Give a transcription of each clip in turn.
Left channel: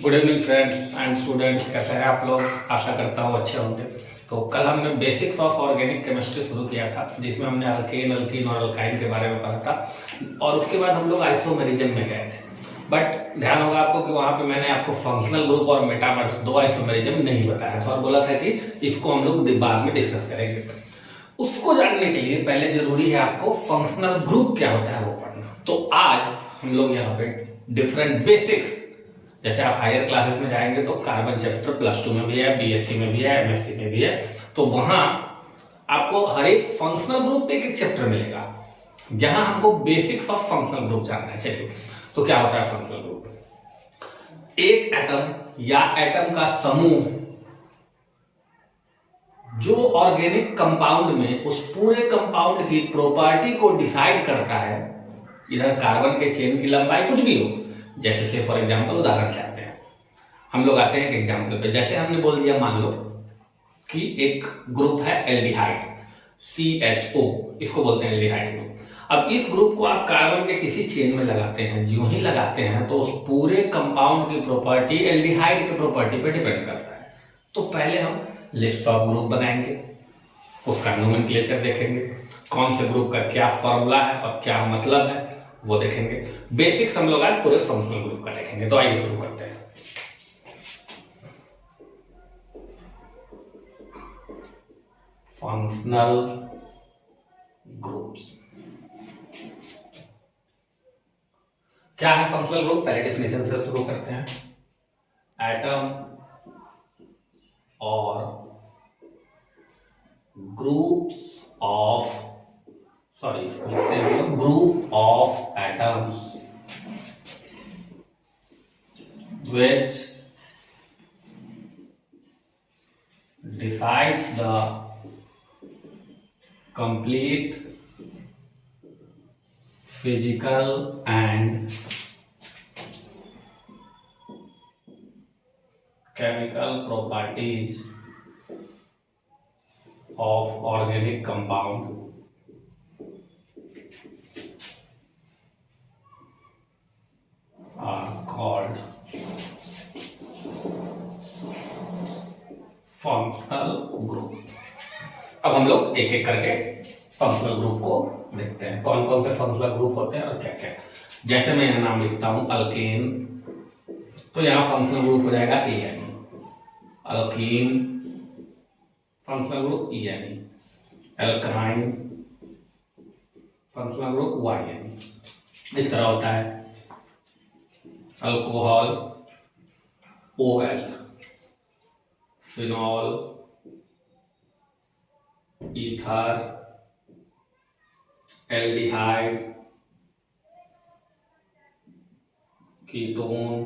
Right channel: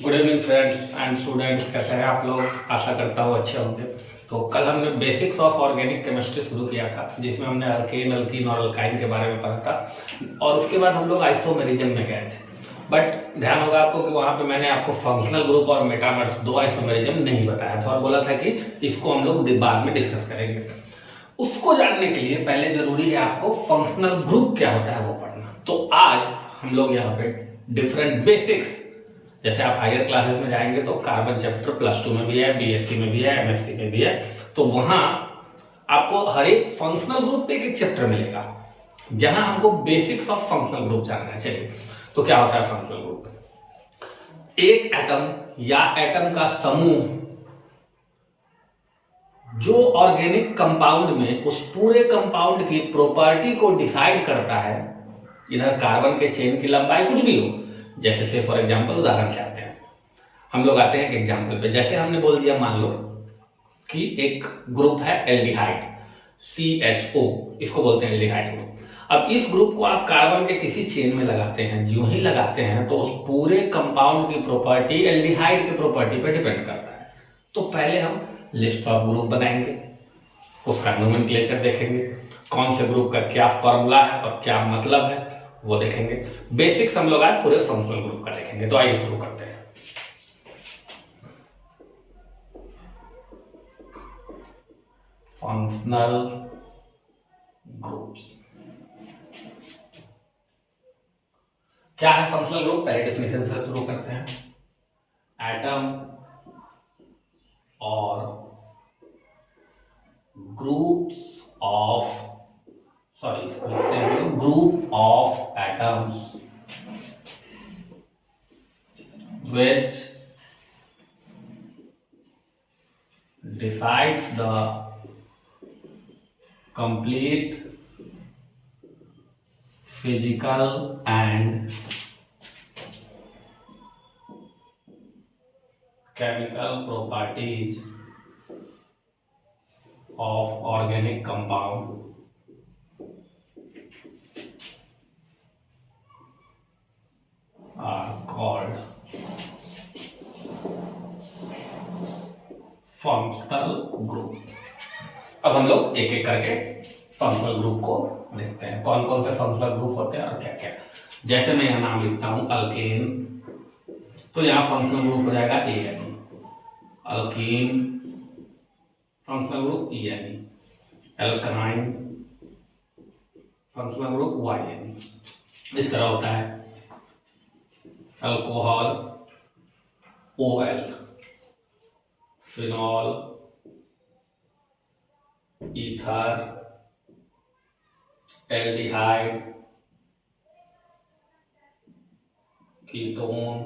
Good evening friends and students, कैसे हैं आप लोग। आशा करता हूँ अच्छे होंगे। तो कल हमने बेसिक्स ऑफ ऑर्गेनिक केमिस्ट्री शुरू किया था, जिसमें हमने अल्केन, अल्कीन और अल्काइन के बारे में पढ़ा था और उसके बाद हम लोग आइसोमेरिज्म में गए थे। बट ध्यान होगा आपको कि वहाँ पे मैंने आपको फंक्शनल ग्रुप और मेटामर्स दो आइसोमेरिज्म नहीं बताया था और बोला था कि इसको हम लोग बाद में डिस्कस करेंगे। उसको जानने के लिए पहले जरूरी है आपको फंक्शनल ग्रुप क्या होता है वो पढ़ना। तो आज हम लोग यहाँ पे डिफरेंट बेसिक्स, जैसे आप हायर क्लासेस में जाएंगे तो कार्बन चैप्टर प्लस 2 में भी है, बीएससी में भी है, एमएससी में भी है, तो वहां आपको हर एक फंक्शनल ग्रुप पे एक एक चैप्टर मिलेगा जहां हमको बेसिक्स ऑफ फंक्शनल ग्रुप जानना है। चलिए, तो क्या होता है फंक्शनल ग्रुप? एक एटम या एटम का समूह जो ऑर्गेनिक कंपाउंड में उस पूरे कंपाउंड की प्रॉपर्टी को डिसाइड करता है। इधर कार्बन के चेन की लंबाई कुछ भी हो, जैसे से फॉर एग्जांपल उदाहरण से आते हैं, हम लोग आते हैं एक एग्जांपल पे। जैसे हमने बोल दिया, मान लो कि एक ग्रुप है एल्डिहाइड, CHO, इसको बोलते हैं एल्डिहाइड ग्रुप। अब इस ग्रुप को आप कार्बन के किसी चेन में लगाते हैं, जो ही लगाते हैं तो उस पूरे कंपाउंड की प्रॉपर्टी एल्डिहाइड की प्रॉपर्टी पे डिपेंड करता है। तो पहले हम लिस्ट ऑफ ग्रुप बनाएंगे, उसका नोमेनक्लेचर देखेंगे, कौन से ग्रुप का क्या फॉर्मूला है और क्या मतलब है वो देखेंगे। बेसिक्स हम लोग आज पूरे फंक्शनल ग्रुप का देखेंगे। तो आइए शुरू करते हैं। फंक्शनल ग्रुप्स क्या है? फंक्शनल ग्रुप पहले डेफिनेशन से शुरू करते हैं। एटम और ग्रुप्स ऑफ, सॉरी इसको लिखते हैं हम लोग, group of atoms which decides the complete physical and chemical properties of organic compound are called functional group. अब हम लोग एक एक करके फंक्शनल ग्रुप को देखते हैं, कौन कौन से फंक्शनल ग्रुप होते हैं और क्या क्या। जैसे मैं यहाँ नाम लिखता हूं अल्केन, तो यहाँ फंक्शनल ग्रुप हो जाएगा ANE। Alkyne functional group ENE। Alkyne functional group YNE। इस तरह होता है। Alcohol OL, phenol, ether, aldehyde, ketone,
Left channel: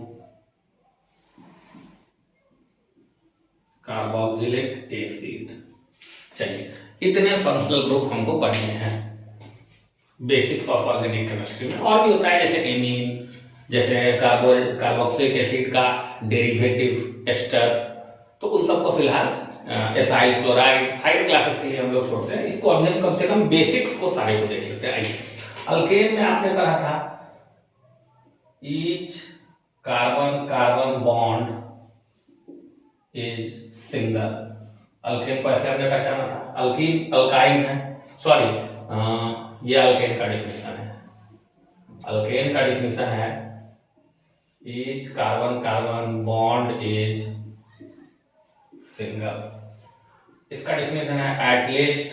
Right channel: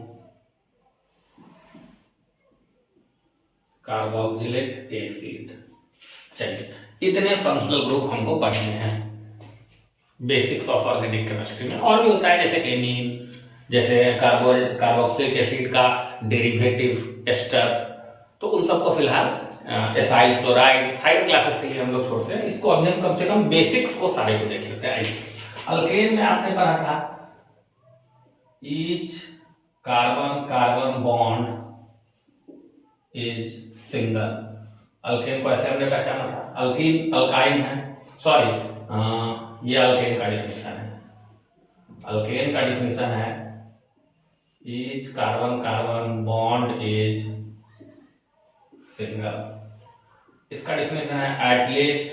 carboxylic acid. चलिए, इतने फंक्शनल ग्रुप हमको पढ़ने हैं बेसिक्स ऑफ ऑर्गेनिक केमिस्ट्री में। और भी होता है जैसे एमीन, जैसे कार्बोक्सिलिक एसिड का डेरिवेटिव एस्टर, तो उन सबको फिलहाल एसाइल क्लोराइड हायर क्लासेस के लिए हम लोग छोड़ते हैं। इसको अभी हम कम से कम बेसिक्स को सारे को देख लेते हैं। अल्केन में आपने पढ़ा था each carbon carbon bond is single. Alkane को ऐसे हमने पहचाना था। अल्कीन अल्काइन है, सॉरी ये अल्केन का डिफिनेशन है। अल्केन का डिफिनेशन है each carbon carbon bond is single. इसका डिफिनेशन है एटलीस्ट,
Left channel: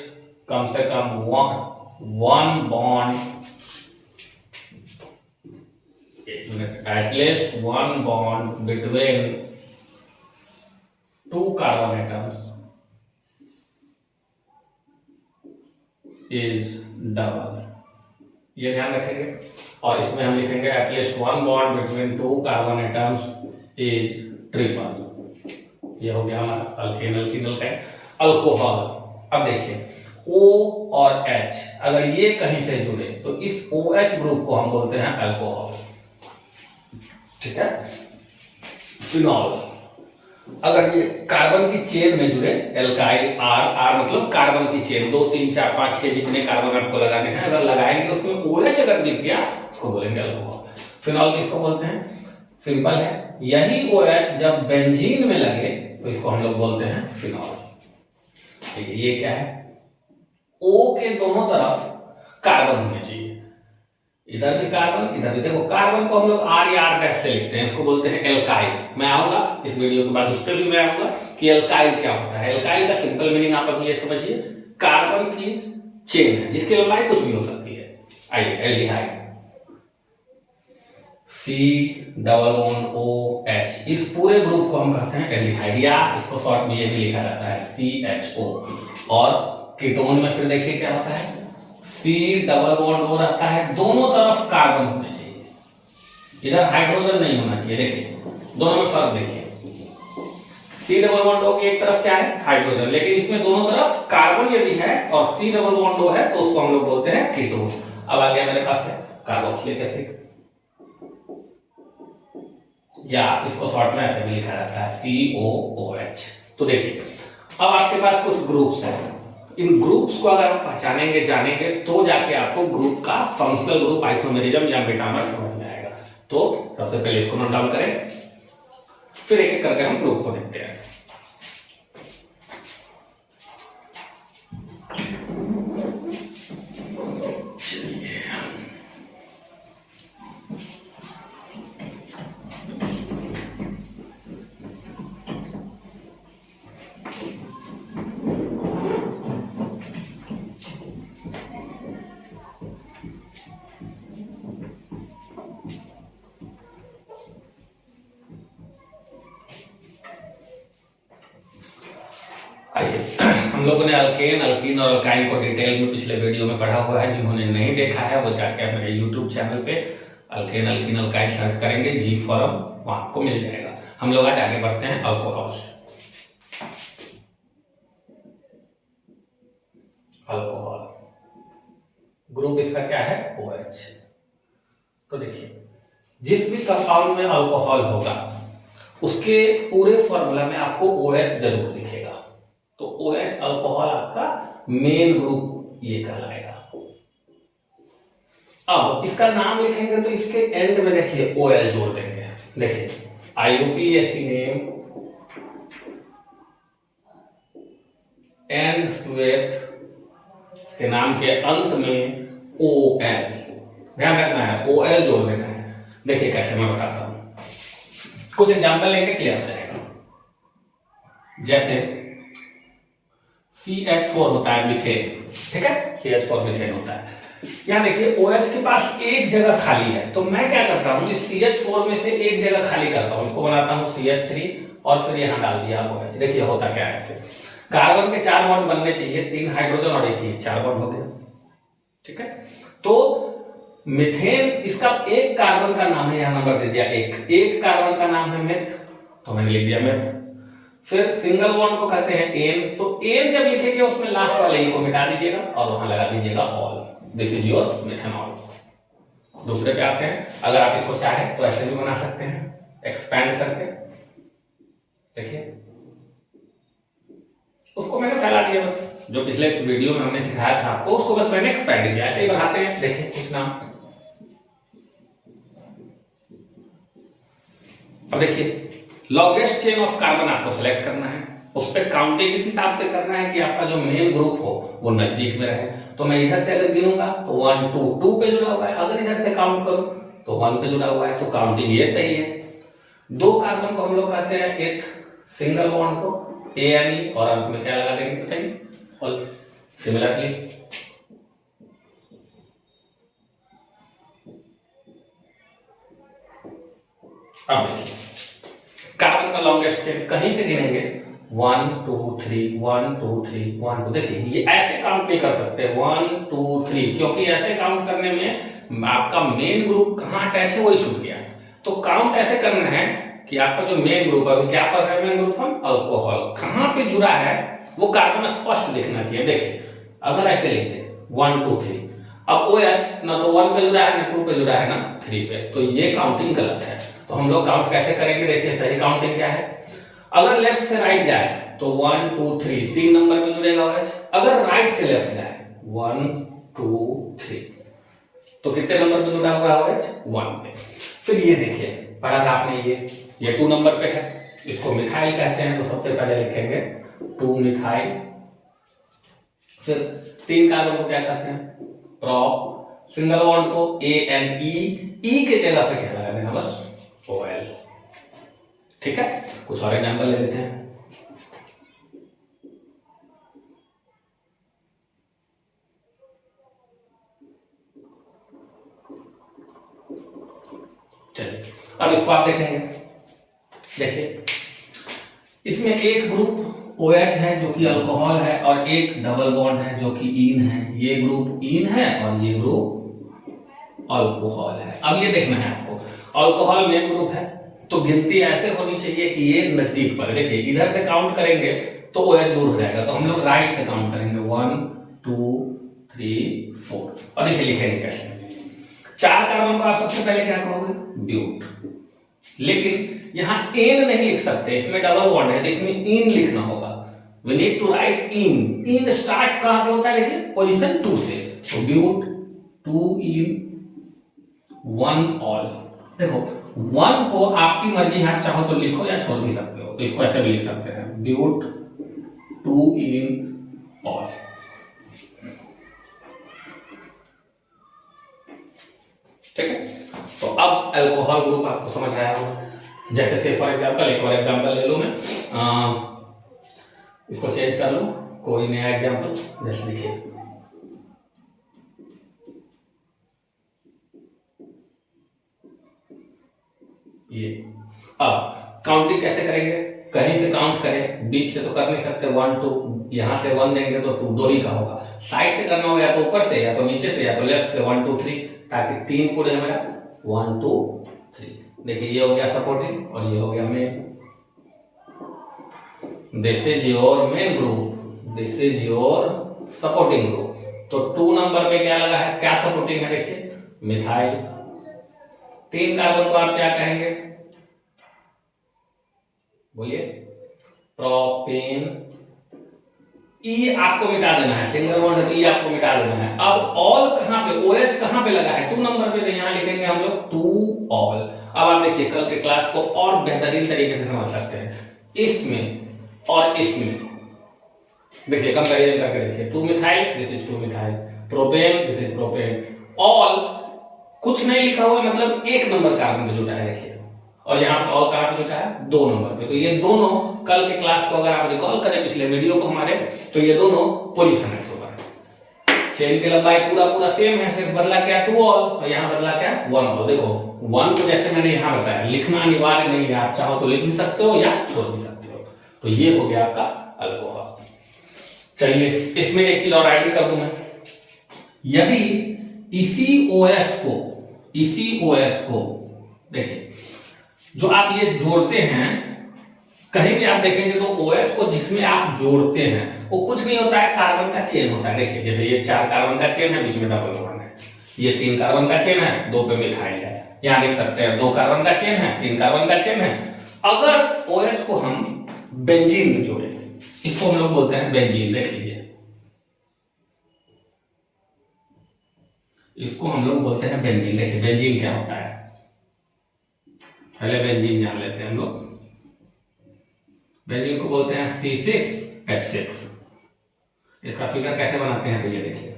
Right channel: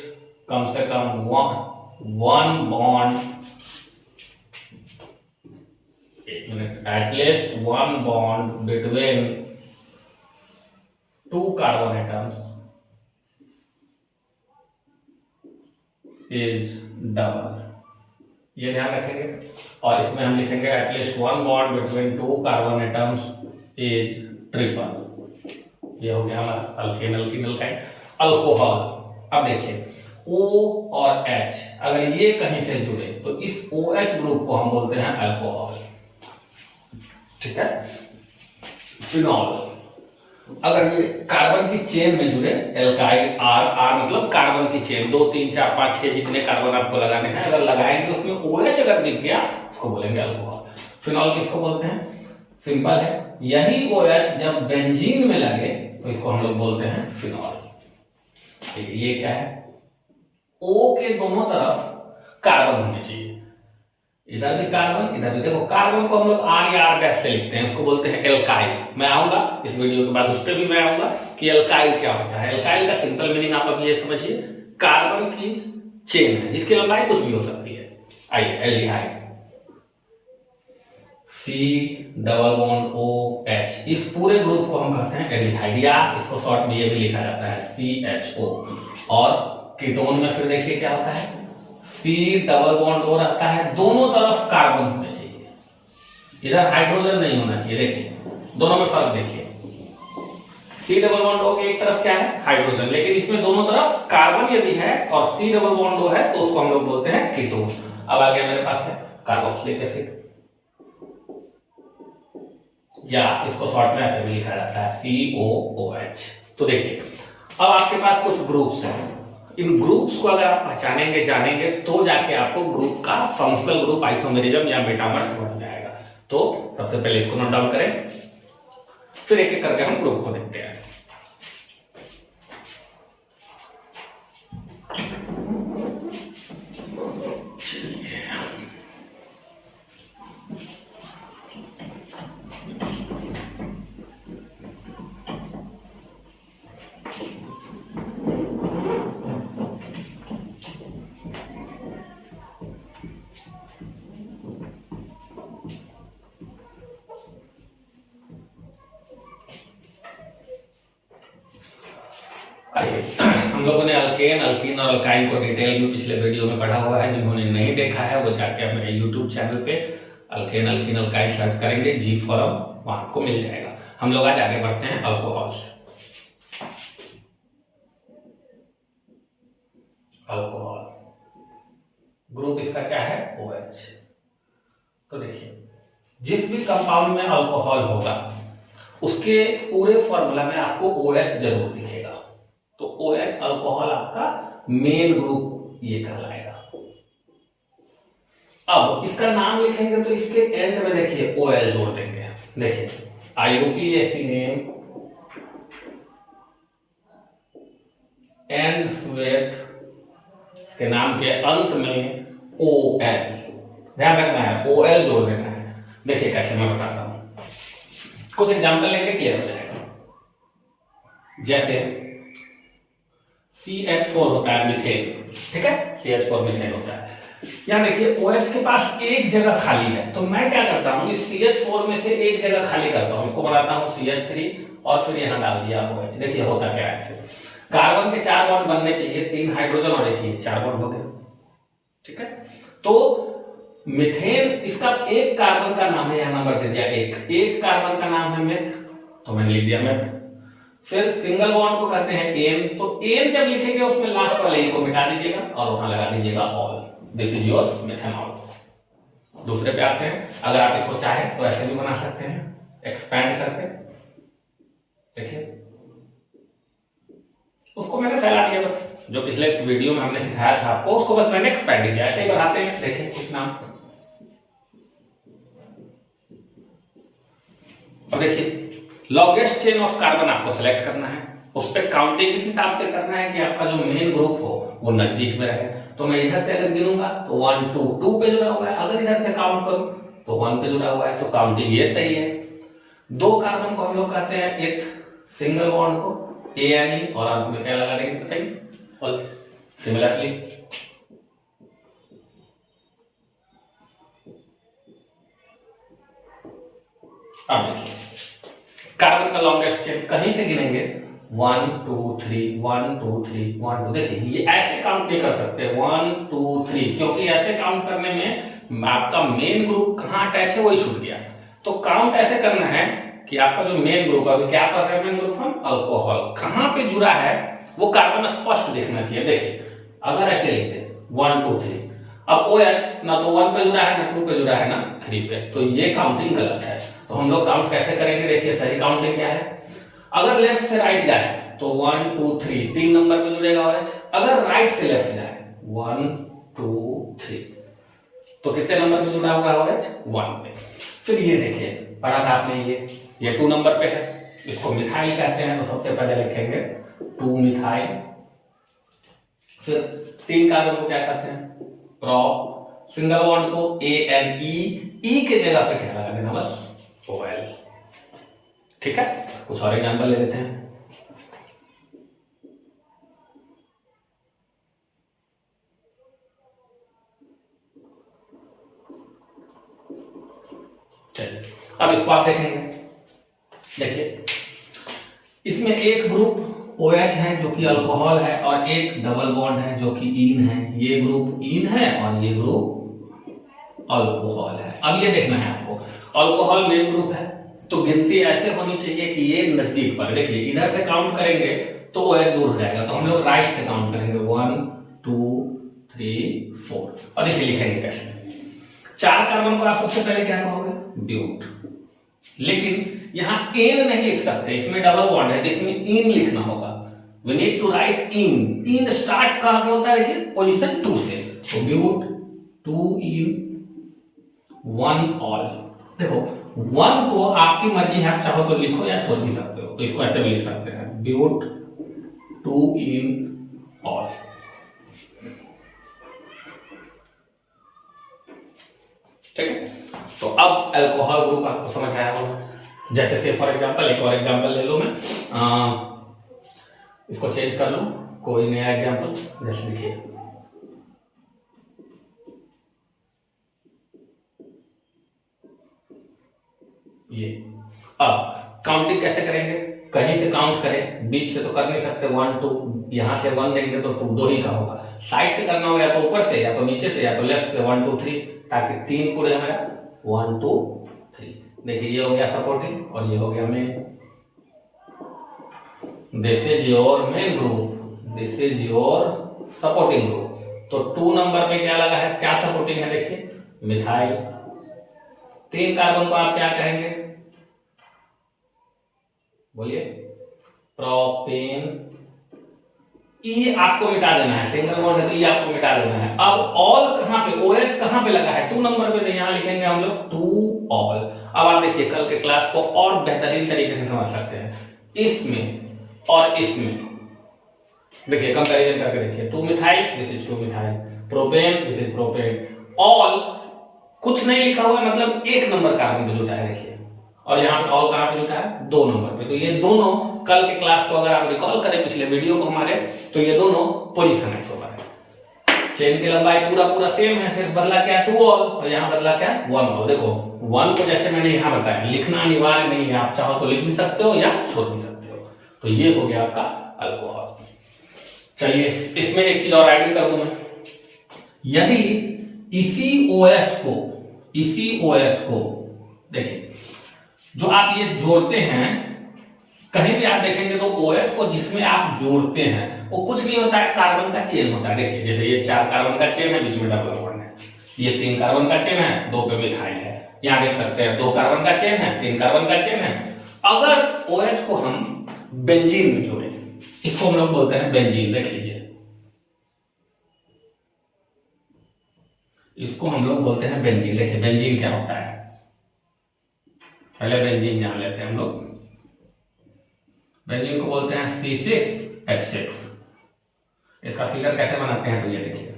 कम से कम वन बॉन्ड, एक minute, at least one bond between two carbon atoms is double. ये ध्यान रखेंगे। और इसमें हम लिखेंगे at least one bond between two carbon atoms is triple. ये हो गया हमारा अल्केन, अल्कीन, अल्काइन। अल्कोहल, अब देखिए O और H अगर ये कहीं से जुड़े तो इस OH ग्रुप को हम बोलते हैं अल्कोहल, ठीक है। फिनॉल, अगर ये कार्बन की चेन में जुड़े, एल्काइल, R मतलब कार्बन की चेन, 2 3 4 5 6 जितने कार्बन आपको लगाने हैं, अगर लगाएंगे उसमें OH अगर दिख गया उसको बोलेंगे अल्कोहल। फिनॉल किसको बोलते हैं? सिंपल है। यही OH जब बेंजीन में लगे तो इसको हम लोग बोलते हैं फिनॉल। ठीक है, ये क्या है, O के दोनों तरफ कार्बन होने चाहिए, इधर भी कार्बन इधर भी। देखो कार्बन को हम लोग R या R डैश से लिखते हैं, इसको बोलते हैं एल्काइल। मैं आऊंगा इस वीडियो के बाद उस पर भी मैं आऊंगा कि एल्काइल क्या होता है। एल्काइल का सिंपल मीनिंग आप अभी ये समझिए, कार्बन की चेन है जिसकी लंबाई कुछ भी हो सकती है। आइए एल्डिहाइड, COOH, इस पूरे ग्रुप को हम कहते हैं एल्डिहाइड, या इसको शॉर्ट में ये भी लिखा जाता है CHO। और कीटोन में फिर देखिए क्या होता है, C+O रहता है, दोनों तरफ कार्बन होने चाहिए, इधर हाइड्रोजन नहीं होना चाहिए। देखिए दोनों में फर्क देखिए, C+O की एक तरफ क्या है, हाइड्रोजन, लेकिन इसमें दोनों तरफ कार्बन यदि है और C+O है तो उसको हम लोग बोलते हैं कीटोन। अब आ गया मेरे पास है कार्बोक्सिलिक एसिड, या इसको शॉर्ट में ऐसे भी लिखा जाता है COOH। तो देखिए अब आपके पास कुछ ग्रुप्स हैं, इन ग्रुप्स को अगर आप पहचानेंगे जानेंगे तो जाके आपको ग्रुप का फंक्शनल ग्रुप आइसोमेरिज्म या मेटामर समझ में आएगा। तो सबसे पहले इसको नोट डाउन करें, फिर एक एक करके हम ग्रुप को देखते हैं। हम लोगों ने अल्केन, अल्कीन और अल्काइन को डिटेल में पिछले वीडियो में पढ़ा हुआ है। जिन्होंने नहीं देखा है वो जाके मेरे यूट्यूब चैनल पे अल्केन, अल्कीन, अल्काइन सर्च करेंगे, जी फॉरम, वहां आपको मिल जाएगा। हम लोग आज आगे बढ़ते हैं अल्कोहल से। अल्कोहल ग्रुप इसका क्या है, OH। तो देखिए जिस भी कंपाउंड में अल्कोहल होगा उसके पूरे फॉर्मूला में आपको OH जरूर दिखेगा। तो OH अल्कोहल आपका मेन ग्रुप ये कहलाएगा। अब इसका नाम लिखेंगे तो इसके एंड में देखिए OL जोड़ देंगे। देखिए IUPAC नेम एंड्स विथ, इसके नाम के अंत में OL, ध्यान रखना है OL जोड़ देना है। देखिए कैसे मैं बताता हूं, कुछ एग्जांपल लेंगे क्लियर हो जाएगा। जैसे CH4 होता है मीथेन, ठीक है, CH4 मीथेन होता है। यहां देखिए OH के पास एक जगह खाली है, तो मैं क्या करता हूं, इस CH4 में से एक जगह खाली करता हूं, इसको बनाता हूं CH3 और फिर यहां डाल दिया OH। देखिए होता क्या है, ऐसे कार्बन के 4 बॉन्ड बनने चाहिए, 3 हाइड्रोजन और एक ये 4 बॉन्ड हो गया, ठीक है। तो मीथेन, इसका एक कार्बन का नाम है, यहां नंबर दे दिया एक कार्बन का नाम है मेथ, तो मैंने लिख दिया मेथ। फिर सिंगल बॉन्ड को कहते हैं एन, तो एन जब लिखेंगे उसमें लास्ट वाले ई को मिटा दीजिएगा और वहां लगा दीजिएगा all. This is your methanol. दूसरे पे आते हैं, अगर आप इसको चाहें तो ऐसे भी बना सकते हैं एक्सपैंड करके। देखिए उसको मैंने फैला दिया, बस जो पिछले वीडियो में हमने सिखाया था आपको उसको बस मैंने एक्सपैंड किया। ऐसे ही बढ़ाते हैं, देखिए कुछ नाम। अब देखिए लॉन्गेस्ट चेन ऑफ कार्बन आपको सेलेक्ट करना है, उस पर काउंटिंग इस हिसाब से करना है कि आपका जो मेन ग्रुप हो वो नजदीक में रहे। तो मैं इधर से अगर गिनूंगा तो 1 2 2 पे जुड़ा हुआ है, अगर इधर से काउंट करूं तो 1 पे जुड़ा हुआ है, तो काउंटिंग ये सही है। 2 कार्बन को हम लोग कहते हैं एथ, सिंगल बॉन्ड को ANE और अंत में क्या लगा देंगे बताइए, ऑल। सिमिलरली अब देखिए कार्बन का लॉन्गेस्ट चेन कहीं से गिनेंगे 1 2 3 1 2 3 1 2। देखिए ये ऐसे काउंट नहीं कर सकते 1 2 3, क्योंकि ऐसे काउंट करने में आपका मेन ग्रुप कहाँ अटैच है वही छूट गया। तो काउंट ऐसे करना है कि आपका जो मेन ग्रुप है, क्या पढ़ रहे हैं मेन ग्रुप हम, अल्कोहल, कहाँ पे जुड़ा है वो कार्बन स्पष्ट दिखना चाहिए। देखिए अगर ऐसे लिख दे 1 2 3, अब OH ना तो 1 पे जुड़ा है ना 2 पे जुड़ा है ना 3 पे, तो ये काउंटिंग गलत है। तो हम लोग काउंट कैसे करेंगे, देखिए सही काउंटिंग क्या है, अगर लेफ्ट से राइट जाए तो 1 2 3 3 नंबर पे जुड़ेगा OH, अगर राइट से लेफ्ट जाए 1 2 3 तो कितने नंबर पे जुड़ा होगा OH, 1 पे। फिर ये देखिए पढ़ा था आपने ये 2 नंबर पे है, इसको मिथाइल कहते हैं, तो सबसे पहले लिखेंगे 2 मिथाइल। फिर 3 कार्बन को क्या कहते हैं, प्रोप। सिंगल बॉन्ड को ANE, ई के जगह पे क्या लगा देना, बस OL। ठीक है, कुछ और एग्जाम्पल ले लेते हैं। चलिए अब इसको आप देखेंगे, देखिए इसमें एक ग्रुप OH है जो कि अल्कोहल है, और एक डबल बॉन्ड है जो कि ईन है। ये ग्रुप ईन है और ये ग्रुप अल्कोहल है। अब ये देखना है आपको, अल्कोहल मेन ग्रुप है तो गिनती ऐसे होनी चाहिए कि ये नजदीक पर। देखिए इधर से काउंट करेंगे तो OH दूर हो जाएगा, तो हम लोग राइट से काउंट करेंगे 1 2 3 4। और इसे लिखेंगे कैसे, 4 कार्बन को आप सबसे पहले क्या कहोगे, ब्यूट। लेकिन यहां एन नहीं लिख सकते, इसमें डबल बॉन्ड है तो इसमें इन लिखना होगा। We need to write in. In starts कहां से होता है, देखिए पोजीशन 2 से, तो ब्यूट 2 इन 1 ऑल। देखो 1 को आपकी मर्जी है, आप चाहो तो लिखो या छोड़ भी सकते हो, तो इसको ऐसे भी लिख सकते हैं, ब्यूट 2 इन ऑल। ठीक है, तो अब अल्कोहल ग्रुप आपको समझ आया होगा। जैसे से फॉर एग्जांपल एक और एग्जांपल ले लो, मैं इसको चेंज कर लूं, कोई नया एग्जांपल। जैसे देखिए ये, अब काउंटिंग कैसे करेंगे, कहीं से काउंट करें, बीच से तो कर नहीं सकते। 1 2, यहां से 1 देंगे तो 2 ही का होगा। साइड से करना होगा, या तो ऊपर से या तो नीचे से या तो लेफ्ट से 1 2 3, ताकि 3 पूरे मेरा 1 2 3। देखिए ये हो गया सपोर्टिंग और ये हो गया main. This is your main group, this is your supporting group. तो 2 नंबर पे क्या लगा है, क्या सपोर्टिंग है, देखिए मिथाइल। 3 कार्बन को आप क्या कहेंगे, बोलिए, प्रोपेन। ई आपको मिटा देना है, सिंगल बॉन्ड है तो ई आपको मिटा देना है। अब ऑल कहां पे, OH कहां पे लगा है, 2 नंबर पे, तो यहां लिखेंगे हम लोग 2 ऑल। अब आप देखिए कल के क्लास को और बेहतरीन तरीके से समझ सकते हैं, इसमें और इसमें देखिए कंपैरिजन करके देखिए, 2 methyl, this is 2 methyl, propane, this is propane. All कुछ नहीं लिखा हुआ है, मतलब 1 नंबर कार्बन पे जुटा है, देखिए। और यहाँ पे ऑल कहां पे जुटा है, 2 नंबर पे। तो ये दोनों कल के क्लास को अगर आप रिकॉल करें पिछले वीडियो को हमारे, तो ये दोनों पोजीशन ऐसे हुआ है। चेन की लंबाई पूरा सेम है, सिर्फ बदला क्या, 2 ऑल, और यहाँ बदला क्या, 1 ऑल। देखो 1 को जैसे मैंने यहाँ बताया, लिखना अनिवार्य नहीं है, आप चाहो तो लिख भी सकते हो या छोड़ भी सकते हो। तो ये हो गया आपका अल्कोहल। चलिए इसमें एक चीज और ऐड कर दूं मैं, यदि इसी OH को देखिए, जो आप ये जोड़ते हैं, कहीं भी आप देखेंगे तो OH को जिसमें आप जोड़ते हैं वो कुछ नहीं होता है, कार्बन का चेन होता है। देखिए जैसे ये 4 कार्बन का चेन है, बीच में डबल बॉन्ड है। ये 3 कार्बन का चेन है, 2 पे मिथाइल है। यहां देख सकते हैं 2 कार्बन का चेन है, 3 कार्बन का चेन है। अगर OH को हम बेंजीन में जोड़े, इसको हम लोग बोलते हैं बेंजीन। देख लीजिए, इसको हम लोग बोलते हैं बेंजीन। देखिए बेंजीन क्या होता है, पहले बेंजीन जान लेते हैं हम लोग। बेंजीन को बोलते हैं C6H6। इसका फिगर कैसे बनाते हैं, तो ये देखिए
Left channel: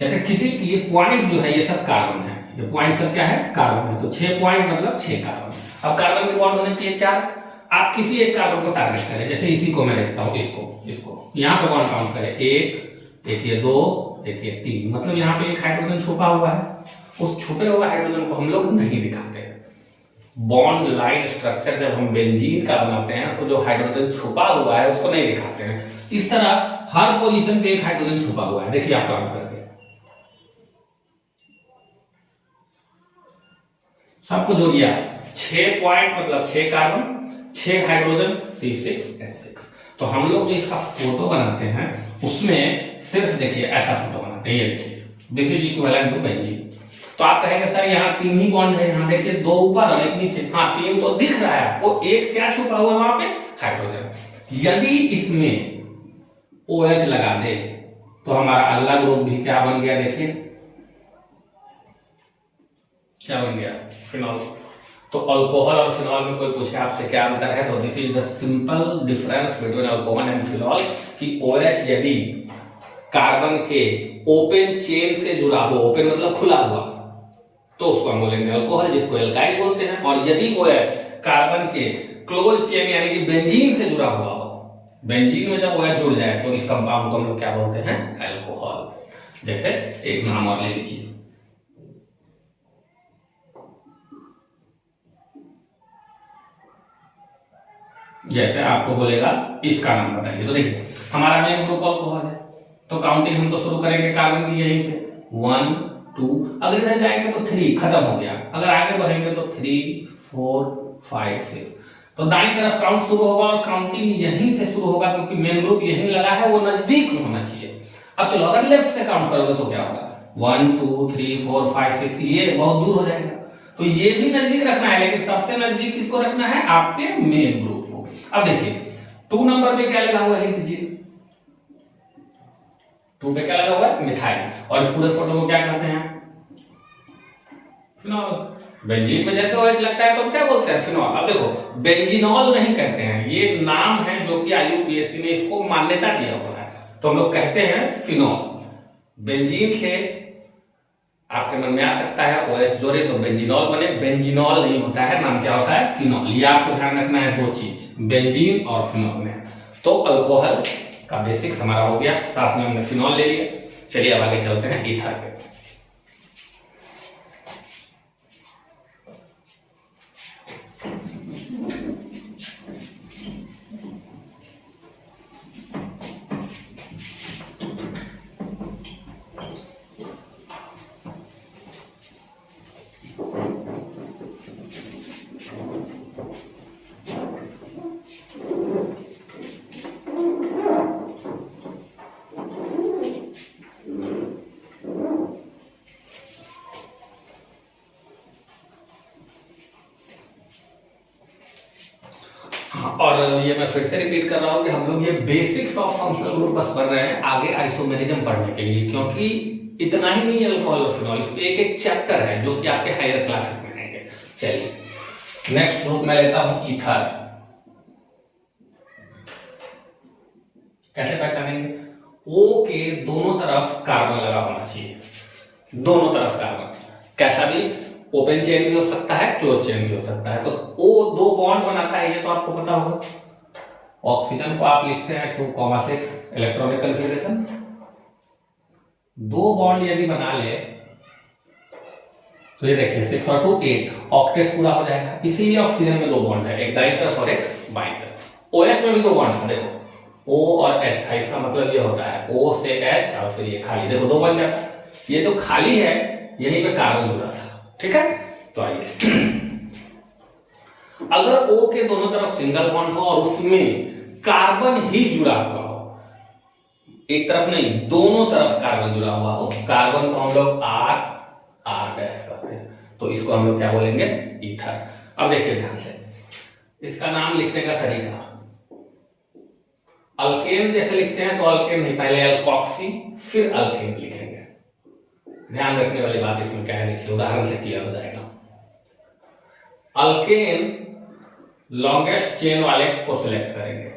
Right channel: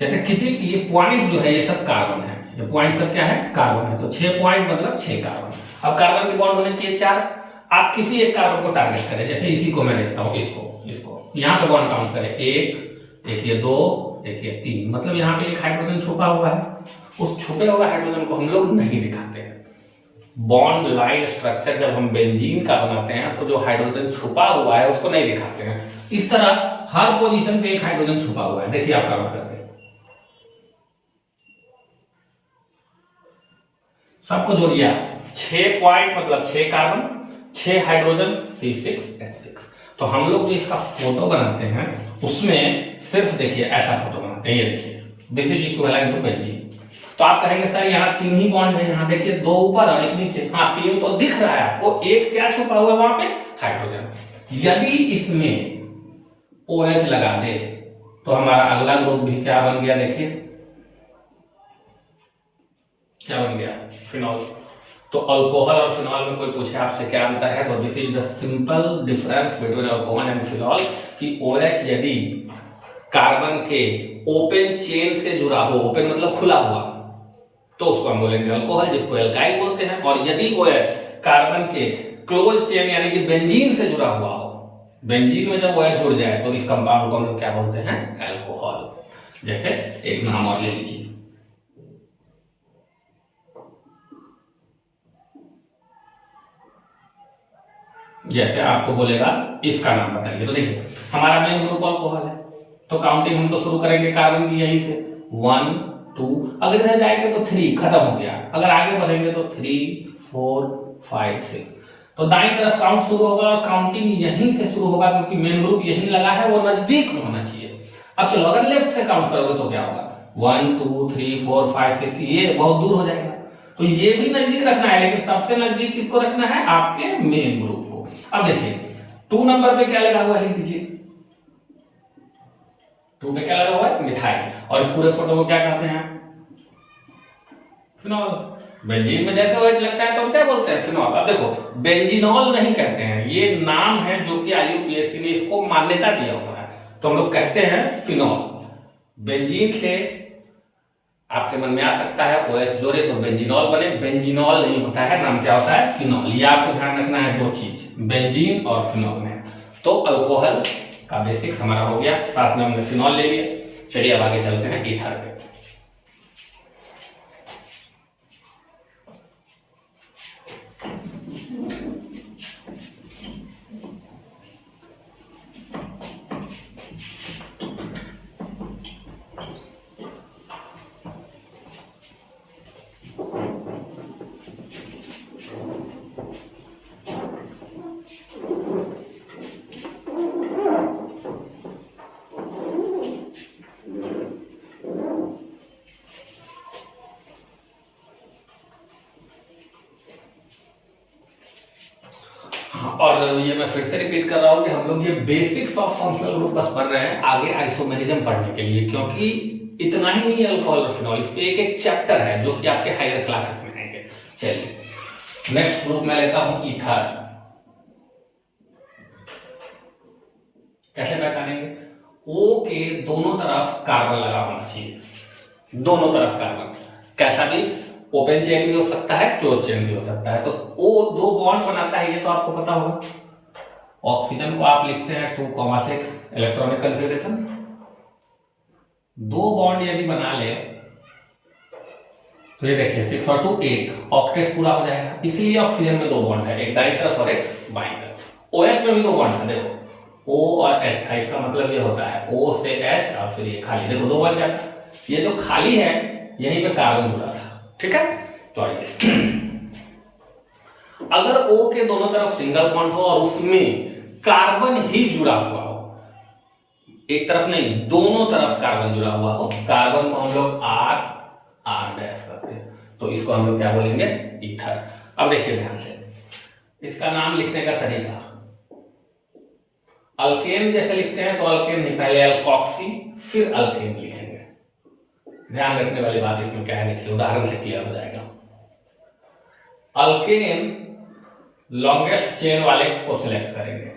जैसे किसी ये पॉइंट जो है, ये सब कार्बन है, ये पॉइंट सब क्या है, कार्बन है। तो 6 पॉइंट मतलब 6 कार्बन। अब कार्बन के बॉन्ड होने चाहिए 4। आप किसी एक कार्बन को टारगेट करें, जैसे इसी को मैं देखता हूं, इसको यहां से बॉन्ड काउंट करें, एक ये 2, एक ये 3, मतलब यहाँ पे एक हाइड्रोजन छुपा हुआ है। उस छुपे हुए हाइड्रोजन को हम लोग नहीं दिखाते हैं। बॉन्ड लाइन स्ट्रक्चर जब हम बेंजीन का बनाते हैं तो जो हाइड्रोजन छुपा हुआ है उसको नहीं दिखाते हैं। इस तरह हर पोजीशन पे एक हाइड्रोजन छुपा हुआ है। देखिए आप काउंट करके, सबको जोड़िए आप, 6 पॉइंट मतलब 6 कार्बन, 6 हाइड्रोजन, C6H6। तो हम लोग जो इसका फोटो बनाते हैं उसमें सिर्फ देखिए ऐसा फोटो बनाते हैं। ये देखिए, this is equivalent to benzene. तो आप कहेंगे सर यहाँ 3 ही बॉन्ड है, यहाँ देखिए 2 ऊपर और 1 नीचे। हाँ 3 तो दिख रहा है आपको, एक क्या छुपा हुआ है वहां पे, हाइड्रोजन। यदि इसमें OH लगा दे तो हमारा अगला ग्रुप भी क्या बन गया, देखिए क्या बन गया, फिनॉल। तो अल्कोहल और फिनॉल में कोई पूछे आपसे क्या अंतर है, तो this is the simple difference between alcohol and phenol कि OH यदि कार्बन के ओपन चेन से जुड़ा हो, ओपन मतलब खुला हुआ, तो उसको हम बोलेंगे अल्कोहल, जिसको एल्काइल बोलते हैं। और यदि OH कार्बन के क्लोज चेन यानी कि बेंजीन से जुड़ा हुआ हो, बेंजीन में जब OH जुड़ जाए तो इस कंपाउंड को हम लोग क्या बोलते हैं, अल्कोहल। जैसे एक नाम और ले लीजिए, जैसे आपको बोलेगा इसका नाम बताइए, तो देखिए हमारा मेन ग्रुप अल्कोहल है, तो काउंटिंग हम तो शुरू करेंगे कार्बन की यहीं से 1 2, अगर इधर जाएंगे तो 3 खत्म हो गया, अगर आगे बढ़ेंगे तो 3 4 5 6, तो दाईं तरफ काउंट शुरू होगा और काउंटिंग यहीं से शुरू होगा क्योंकि मेन ग्रुप यहीं लगा है, वो नजदीक में होना चाहिए। अब चलो अगर लेफ्ट से काउंट करोगे तो क्या होगा, 1 2 3 4 5 6, ये बहुत दूर हो जाएगा, तो ये भी नजदीक रखना है, लेकिन सबसे नजदीक किसको रखना है, आपके मेन ग्रुप को। अब देखिए 2 नंबर पे क्या लगा हुआ है, लिख दीजिए 2 पे क्या लगा हुआ है, मिथाइल, और इस पूरे फोटो को क्या कहते हैं, फिनॉल। बेंजीन में जैसे OH लगता है तो हम क्या बोलते हैं, फिनॉल। अब देखो बेंजीनॉल नहीं कहते हैं, ये नाम है जो कि IUPAC ने इसको मान्यता दिया हुआ है, तो हम लोग कहते हैं फिनॉल। बेंजीन से आपके मन में आ सकता है OH जोड़े तो बेंजीनॉल बने, बेंजीनॉल नहीं होता है, नाम क्या होता है, फिनॉल। ये आपको ध्यान रखना है, 2 चीज, बेंजीन और फिनॉल में। तो अल्कोहल का बेसिक्स हमारा हो गया, साथ में हमने फिनॉल ले लिया। चलिए अब आगे चलते हैं ईथर पे। और ये मैं फिर से रिपीट कर रहा हूं कि हम लोग ये बेसिक्स ऑफ फंक्शनल ग्रुप बस पढ़ रहे हैं आगे आइसोमेरिज्म पढ़ने के लिए, क्योंकि इतना ही नहीं है अल्कोहल और फिनॉल, इस पे एक एक चैप्टर है जो कि आपके हायर क्लासेस में आएंगे। चलिए नेक्स्ट ग्रुप में लेता हूं ईथर। कैसे पहचानेंगे, O के दोनों तरफ कार्बन लगा होना चाहिए, दोनों तरफ कार्बन, कैसा भी, ओपन चेन भी हो सकता है, क्लोज चेन भी हो सकता है। तो O 2 बॉन्ड बनाता है, ये तो आपको पता होगा। ऑक्सीजन को आप लिखते हैं 2,6 इलेक्ट्रॉनिक कन्फिगरेशन, 2 बॉन्ड यदि बना ले तो ये देखिए 6 और 2 8, ऑक्टेट पूरा हो जाएगा। इसीलिए ऑक्सीजन में 2 बॉन्ड है, एक दाईं तरफ और एक बाईं तरफ। OH में भी 2 बॉन्ड है, देखो O और H था, इसका मतलब ये होता है O से H और फिर ये खाली, देखो 2 बन जाता है। ये जो खाली है यहीं पे कार्बन जुड़ा था, ठीक है। तो आइए अगर O के दोनों तरफ सिंगल बॉन्ड हो और उसमें कार्बन ही जुड़ा हुआ हो, एक तरफ नहीं दोनों तरफ कार्बन जुड़ा हुआ हो, कार्बन को हम लोग R डैश करते हैं, तो इसको हम लोग क्या बोलेंगे, ईथर। अब देखिए ध्यान से, इसका नाम लिखने का तरीका, अल्केन जैसे लिखते हैं तो अल्केन नहीं, पहले अल्कोक्सी फिर अल्केन लिखेंगे। ध्यान रखने वाली बात इसमें क्या है, देखिए उदाहरण से क्लियर हो जाएगा। अल्केन लॉन्गेस्ट चेन वाले को सिलेक्ट करेंगे,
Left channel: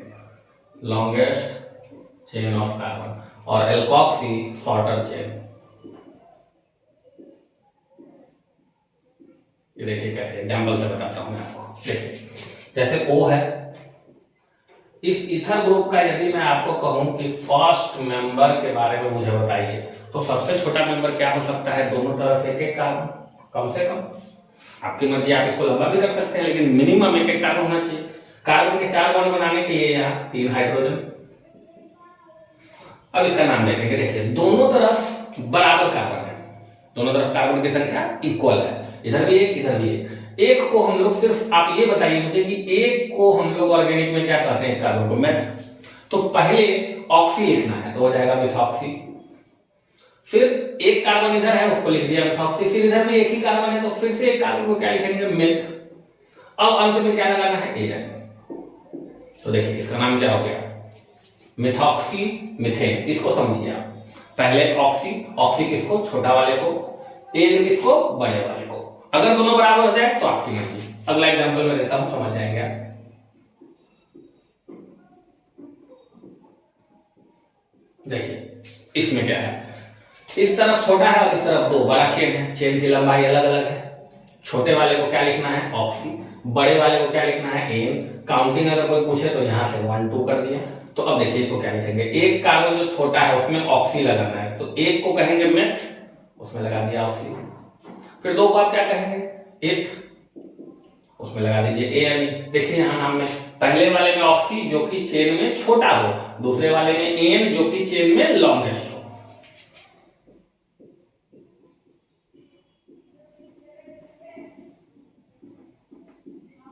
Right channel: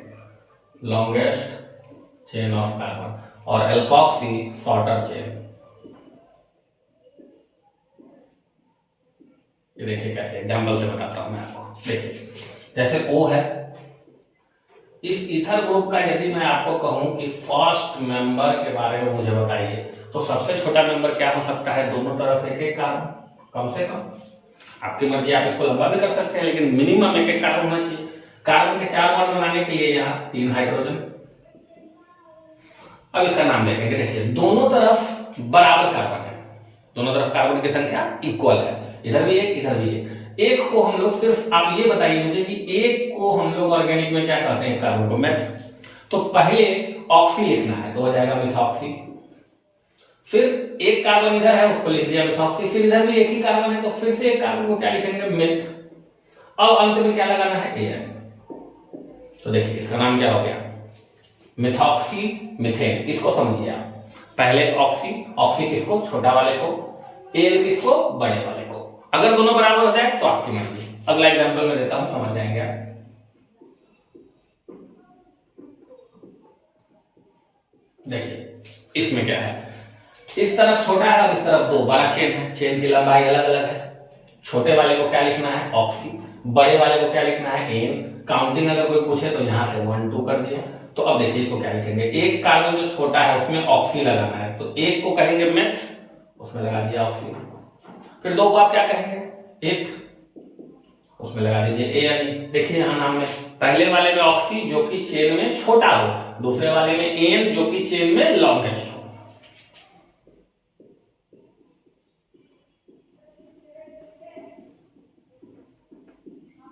लॉन्गेस्ट चेन ऑफ कार्बन, और एल्कोक्सी शॉर्टर चेन। ये देखिए कैसे, एग्जांपल से बताता हूं मैं आपको। देखिए जैसे O है, इस ईथर ग्रुप का यदि मैं आपको कहूं कि फर्स्ट मेंबर के बारे में मुझे बताइए, तो सबसे छोटा मेंबर क्या हो सकता है, दोनों तरफ एक एक कार्बन, कम से कम, आपकी मर्जी, आप इसको लंबा भी कर सकते हैं, लेकिन मिनिमम एक एक कार्बन होना चाहिए। कार्बन के 4 बॉन्ड बनाने के लिए यहाँ 3 हाइड्रोजन। अब इसका नाम देखेंगे, देखिए दोनों तरफ बराबर कार्बन है, दोनों तरफ कार्बन की संख्या इक्वल है, इधर भी एक इधर भी एक को हम लोग सिर्फ, आप ये बताइए मुझे कि एक को हम लोग ऑर्गेनिक में क्या कहते हैं, कार्बन को मेथ। तो पहले ऑक्सी लिखना है तो हो जाएगा मिथॉक्सी, फिर एक कार्बन इधर है उसको लिख दिया मिथॉक्सी, फिर इधर भी एक ही कार्बन है तो फिर से एक कार्बन को क्या लिखेंगे, मिथ। अब अंत में क्या लगाना है, एन। तो देखिए इसका नाम क्या हो गया, मिथॉक्सी मिथेन। इसको समझिए आप, पहले ऑक्सी, ऑक्सी किसको, छोटा वाले को, एन किसको, बड़े वाले को। अगर दोनों बराबर हो जाए तो आपकी मर्जी। अगला एग्जांपल मैं देता हूं, समझ जाएंगे आप। देखिए इसमें क्या है, इस तरफ छोटा है और इस तरफ दो बड़ा चेन है, चेन की लंबाई अलग अलग है। छोटे वाले को क्या लिखना है, ऑक्सी, बड़े वाले को क्या लिखना है, एन। काउंटिंग अगर कोई पूछे तो यहां से 1 2 कर दिया। तो अब देखिए इसको क्या लिखेंगे, एक कार्बन जो छोटा है उसमें ऑक्सी लगाना है, तो एक को कहेंगे मेथ, उसमें लगा दिया ऑक्सी। फिर दो को आप क्या कहेंगे, एथ, उसमें लगा दीजिए एन। देखिए यहां नाम में पहले वाले में ऑक्सी जो कि चेन में छोटा हो, दूसरे वाले में एन जो कि चेन में लॉन्गेस्ट हो।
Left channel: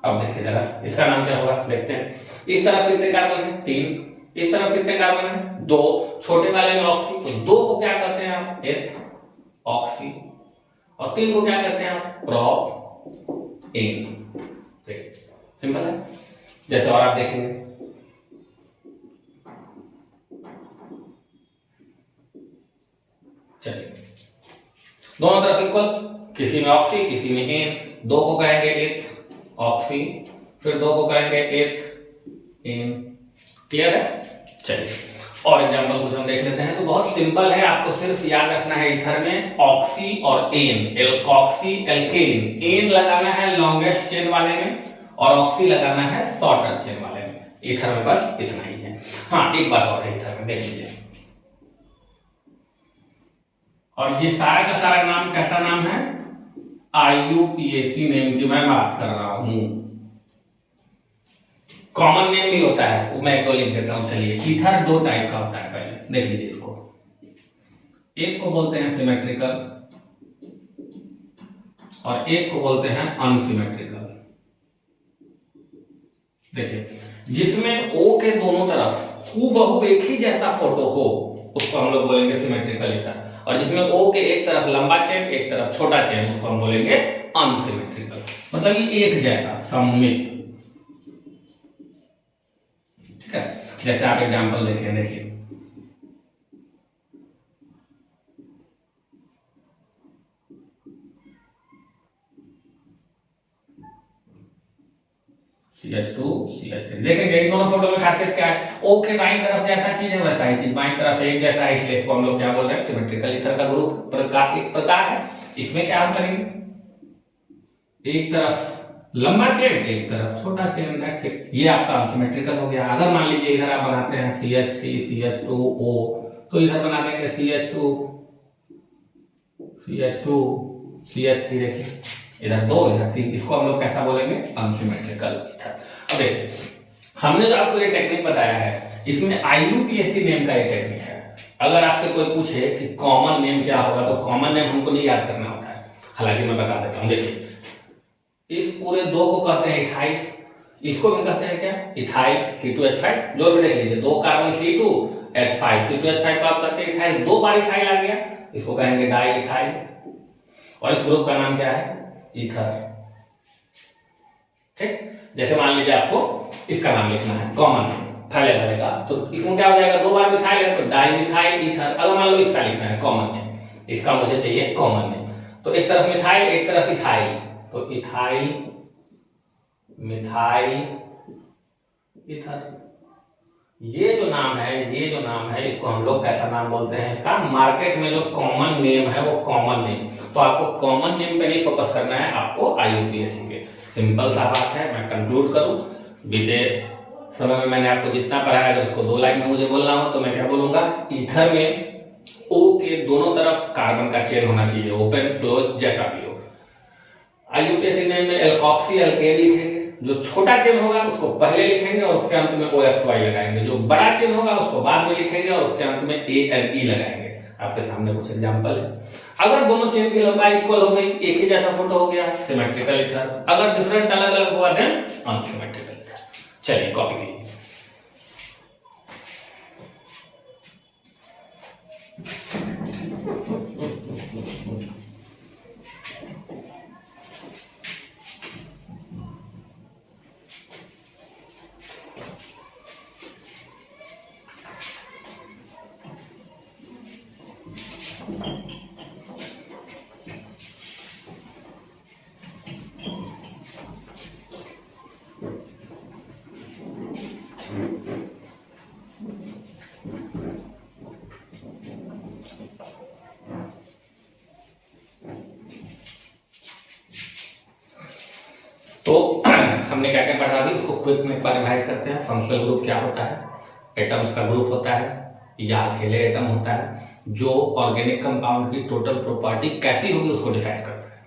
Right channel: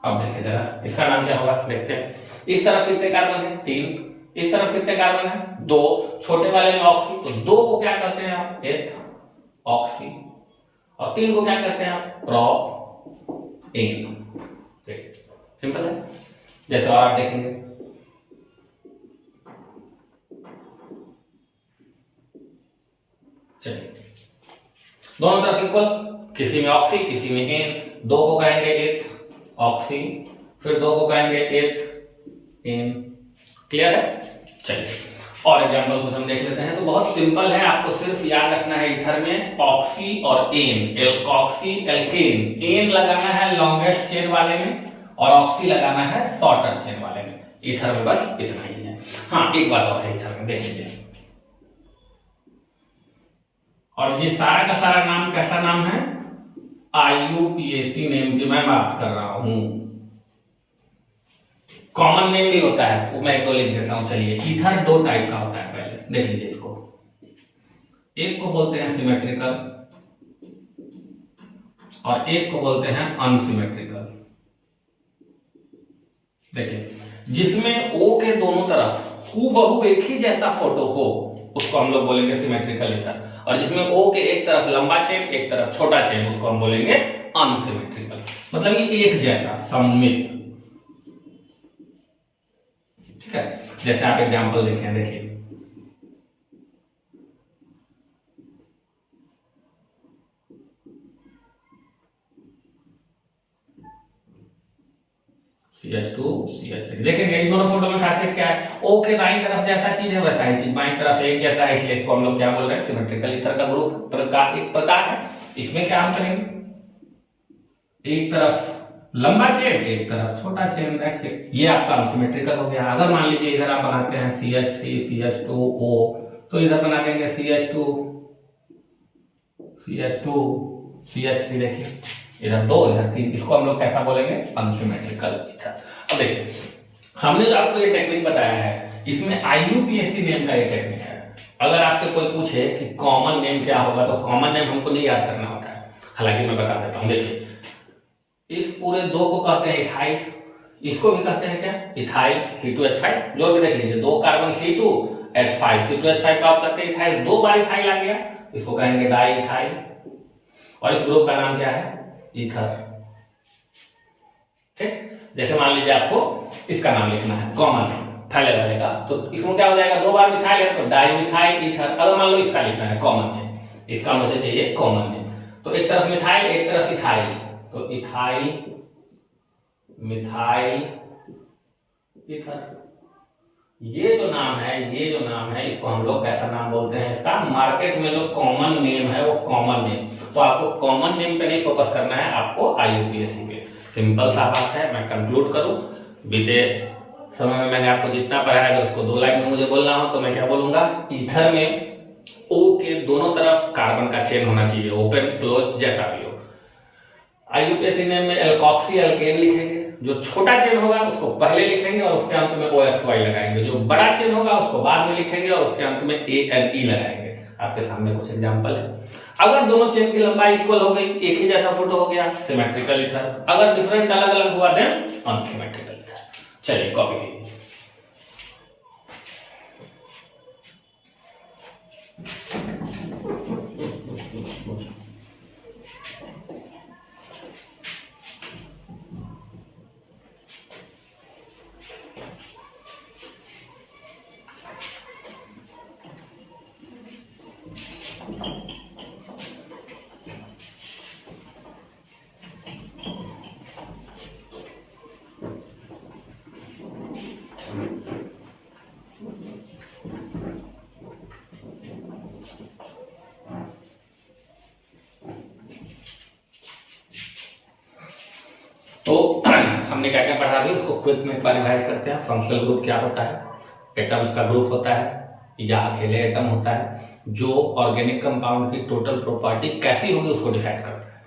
अब देखिए जरा इसका नाम क्या होगा, देखते हैं। इस तरफ कितने कार्बन है, 3। इस तरफ कितने कार्बन है, 2। छोटे वाले में ऑक्सी, तो 2 को क्या कहते हैं आप, एथ ऑक्सी, और 3 को क्या कहते हैं आप, प्रोप एन। देखिए सिंपल है। जैसे और आप देखेंगे, चलिए दोनों तरफ इक्वल, किसी में ऑक्सी किसी में एन। 2 को कहेंगे एथ ऑक्सी, फिर 2 को कहेंगे एथ एन। क्लियर है। चलिए और एग्जांपल कुछ हम देख लेते हैं। तो बहुत सिंपल है, आपको सिर्फ याद रखना है ईथर में ऑक्सी और एन, एल्कोक्सी एल्केन। एन लगाना है लॉन्गेस्ट चेन वाले में और ऑक्सी लगाना है शॉर्टर चेन वाले में। ईथर में बस इतना ही है। हाँ एक बात और है ईथर में, देख लीजिए, और ये सारा का सारा नाम कैसा नाम है, IUPAC नेम की मैं बात कर रहा हूं। कॉमन नेम भी होता है, वो मैं एक दो लिख देता हूं। चलिए ईथर 2 टाइप का होता है, पहले देख लीजिए इसको। एक को बोलते हैं सिमेट्रिकल और एक को बोलते हैं अनसिमेट्रिकल। देखिए जिसमें O के दोनों तरफ हूबहू एक ही जैसा फोटो हो उसको हम लोग बोलेंगे सिमेट्रिकल ईथर, और जिसमें O के एक तरफ लंबा चेन एक तरफ छोटा चेन उसको हम बोलेंगे अनसिमेट्रिकल। मतलब ये एक जैसा सममित। ठीक है, जैसे आप एग्जांपल देखें, देखिए CH2 CH3। देखेंगे इन दोनों फोटो में खासियत क्या है, O के दाईं तरफ जैसा चीज है वैसा ही चीज बाईं तरफ एक जैसा है, इसलिए इसको हम लोग क्या बोल रहे हैं, सिमेट्रिकल ईथर का ग्रुप प्रकार, एक प्रकार है। इसमें क्या हम करेंगे, एक तरफ लंबा चेन एक तरफ छोटा चेन, दैट्स इट। ये आपका अनसिमेट्रिकल हो गया। अगर मान लीजिए इधर आप बनाते हैं CH3 CH2O, तो इधर बना देंगे CH2 CH2 CH3। देखिए इधर 2 इधर 3, इसको हम लोग कैसा बोलेंगे, अनसिमेट्रिकल ईथर। अब देखिए हमने जो आपको ये टेक्निक बताया है, इसमें IUPAC नेम का ये टेक्निक है। अगर आपसे कोई पूछे कि कॉमन नेम क्या होगा, तो कॉमन नेम हमको नहीं याद करना होता है, हालांकि मैं बता देता हूं। देखिए इस पूरे 2 को कहते हैं इथाइल, इसको भी कहते हैं क्या, इथाइल C2H5। जोड़ के देख लीजिए, 2 कार्बन C2H5, C2H5 को आप कहते हैं इथाइल, 2 बार इथाइल आ गया, इसको कहेंगे डाई इथाइल, और इस ग्रुप का नाम क्या है, ईथर। ठीक, जैसे मान लीजिए आपको इसका नाम लिखना है कॉमन पहले वाले का, तो इसमें क्या हो जाएगा, 2 बार मिथाइल है तो डाई मिथाइल ईथर। अगर मान लो इसका लिखना है कॉमन नेम, इसका मुझे चाहिए कॉमन नेम, तो एक तरफ मिथाइल एक तरफ इथाइल, तो इथाइल मिथाइल ईथर। ये जो नाम है इसको हम लोग कैसा नाम बोलते हैं, इसका मार्केट में जो कॉमन नेम है वो कॉमन नेम। तो आपको कॉमन नेम पे नहीं फोकस करना है, आपको IUPAC पे। सिंपल सा बात है। मैं कंक्लूड करूं, बीते समय में मैंने आपको जितना पढ़ाया है उसको 2 लाइन में मुझे बोलना हो तो मैं क्या बोलूंगा, ईथर में O के दोनों तरफ कार्बन का चेन होना चाहिए, ओपन क्लोज जैसा भी हो। IUPAC नेम में एल्कोक्सी एल्केन लिखेंगे, जो छोटा चेन होगा उसको पहले लिखेंगे और उसके अंत में OXY लगाएंगे, जो बड़ा चेन होगा उसको बाद में लिखेंगे और उसके अंत में ANE लगाएंगे। आपके सामने कुछ एग्जांपल है। अगर दोनों चेन की लंबाई इक्वल हो गई, एक ही जैसा फोटो हो गया, सिमेट्रिकल ईथर। अगर डिफरेंट अलग अलग हुआ देन अनसिमेट्रिकल ईथर। चलिए कॉपी कीजिए। तो हमने क्या क्या पढ़ा अभी, उसको क्विक में एक बार रिवाइज करते हैं। फंक्शनल ग्रुप क्या होता है? एटम्स का ग्रुप होता है या अकेले एटम होता है जो ऑर्गेनिक कंपाउंड की टोटल प्रॉपर्टी कैसी होगी उसको डिसाइड करता है।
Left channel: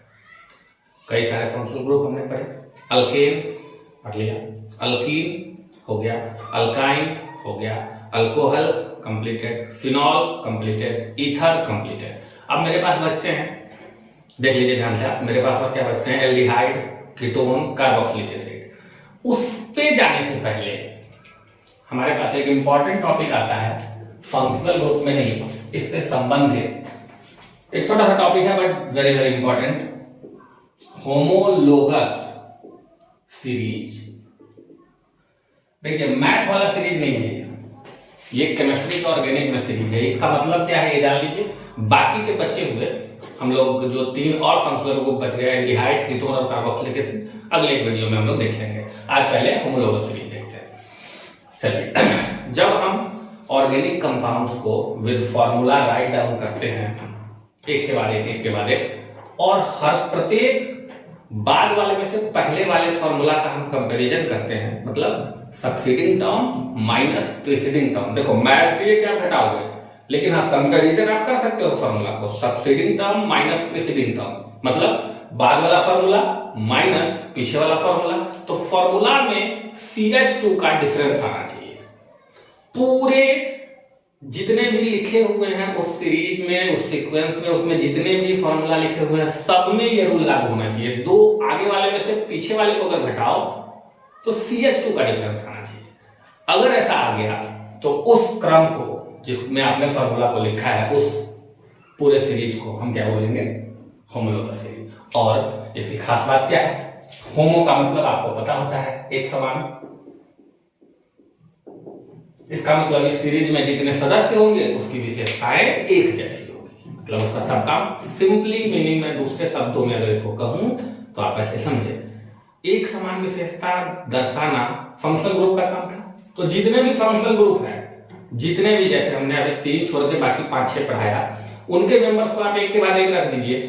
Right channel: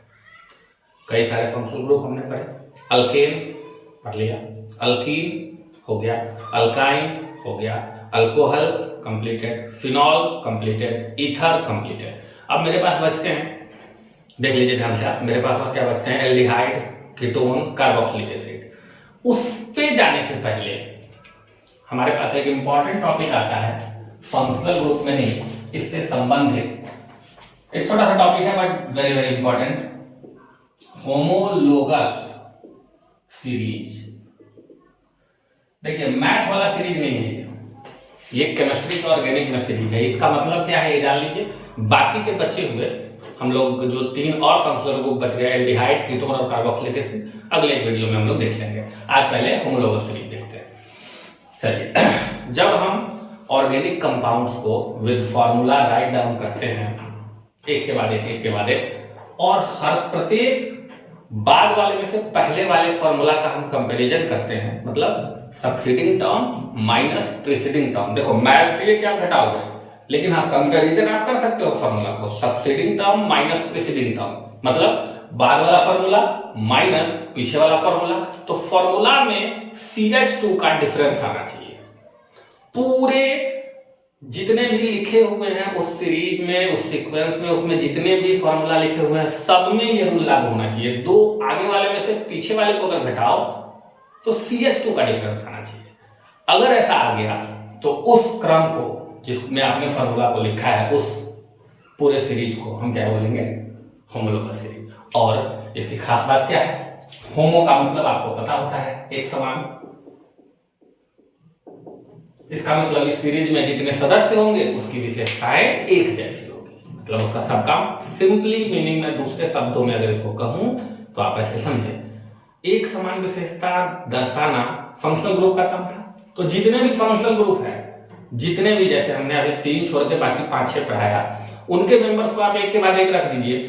कई सारे फंक्शनल ग्रुप हमने पढ़े। अल्केन पढ़ लिया, अल्कीन हो गया, अल्काइन हो गया, alcohol completed, phenol completed, ether completed. अब मेरे पास बचते हैं, देख लीजिए ध्यान से आप, मेरे पास और क्या बचते हैं? Aldehyde, ketone, carboxylic acid. उस पे जाने से पहले हमारे पास एक इंपॉर्टेंट टॉपिक आता है, फंक्शनल ग्रुप में नहीं, इससे संबंधित एक छोटा सा टॉपिक है but very very important, homologous series. देखिए मैथ वाला सीरीज नहीं है ये केमिस्ट्री का ऑर्गेनिक में सीरीज है। इसका मतलब क्या है ये जान लीजिए। बाकी के बचे हुए हम लोग जो 3 और फंक्शनल ग्रुप बच गए, एल्डिहाइड, कीटोन और कार्बोक्सिलिक एसिड, अगले एक वीडियो में हम लोग देख लेंगे। आज पहले होमोलोगस सीरीज देखते हैं। चलिए, जब हम ऑर्गेनिक कंपाउंड्स को विद फॉर्मूला राइट डाउन करते हैं एक के बाद एक, और हर प्रत्येक बाद वाले में से पहले वाले फॉर्मूला का हम कंपैरिजन करते हैं, मतलब succeeding term minus preceding term. देखो मैथ के लिए क्या घटाओगे, लेकिन हाँ कंपैरिजन आप कर सकते हो फॉर्मूला को, succeeding term minus preceding term, मतलब बाद वाला फॉर्मूला माइनस पीछे वाला फॉर्मूला। तो फॉर्मूला में CH2 का डिफरेंस आना चाहिए। पूरे जितने भी लिखे हुए हैं उस सीरीज में, उस सीक्वेंस में, उसमें जितने भी फॉर्मूला लिखे हुए हैं सब में ये रूल लागू होना चाहिए। 2 आगे वाले में से पीछे वाले को अगर घटाओ तो CH2 का डिफरेंस आना चाहिए। अगर ऐसा आ गया तो उस क्रम को जिसमें आपने फॉर्मूला को लिखा है, उस पूरे सीरीज को हम क्या बोलेंगे? Homologous series. और इसकी खास बात क्या है? होमो का मतलब आपको पता होता है एक समान। इसका मतलब इस सीरीज में जितने सदस्य होंगे उसकी विशेषताएं एक जैसी होगी, मतलब उसका सबका सिंपली मीनिंग में दूसरे शब्दों में अगर इसको कहूं तो आप ऐसे समझे, एक समान विशेषता दर्शाना फंक्शनल ग्रुप का काम था। तो जितने भी फंक्शनल ग्रुप है, जितने भी, जैसे हमने अभी 3 छोड़ के बाकी 5-6 पढ़ाया, उनके मेंबर्स को आप एक के बाद एक रख दीजिए।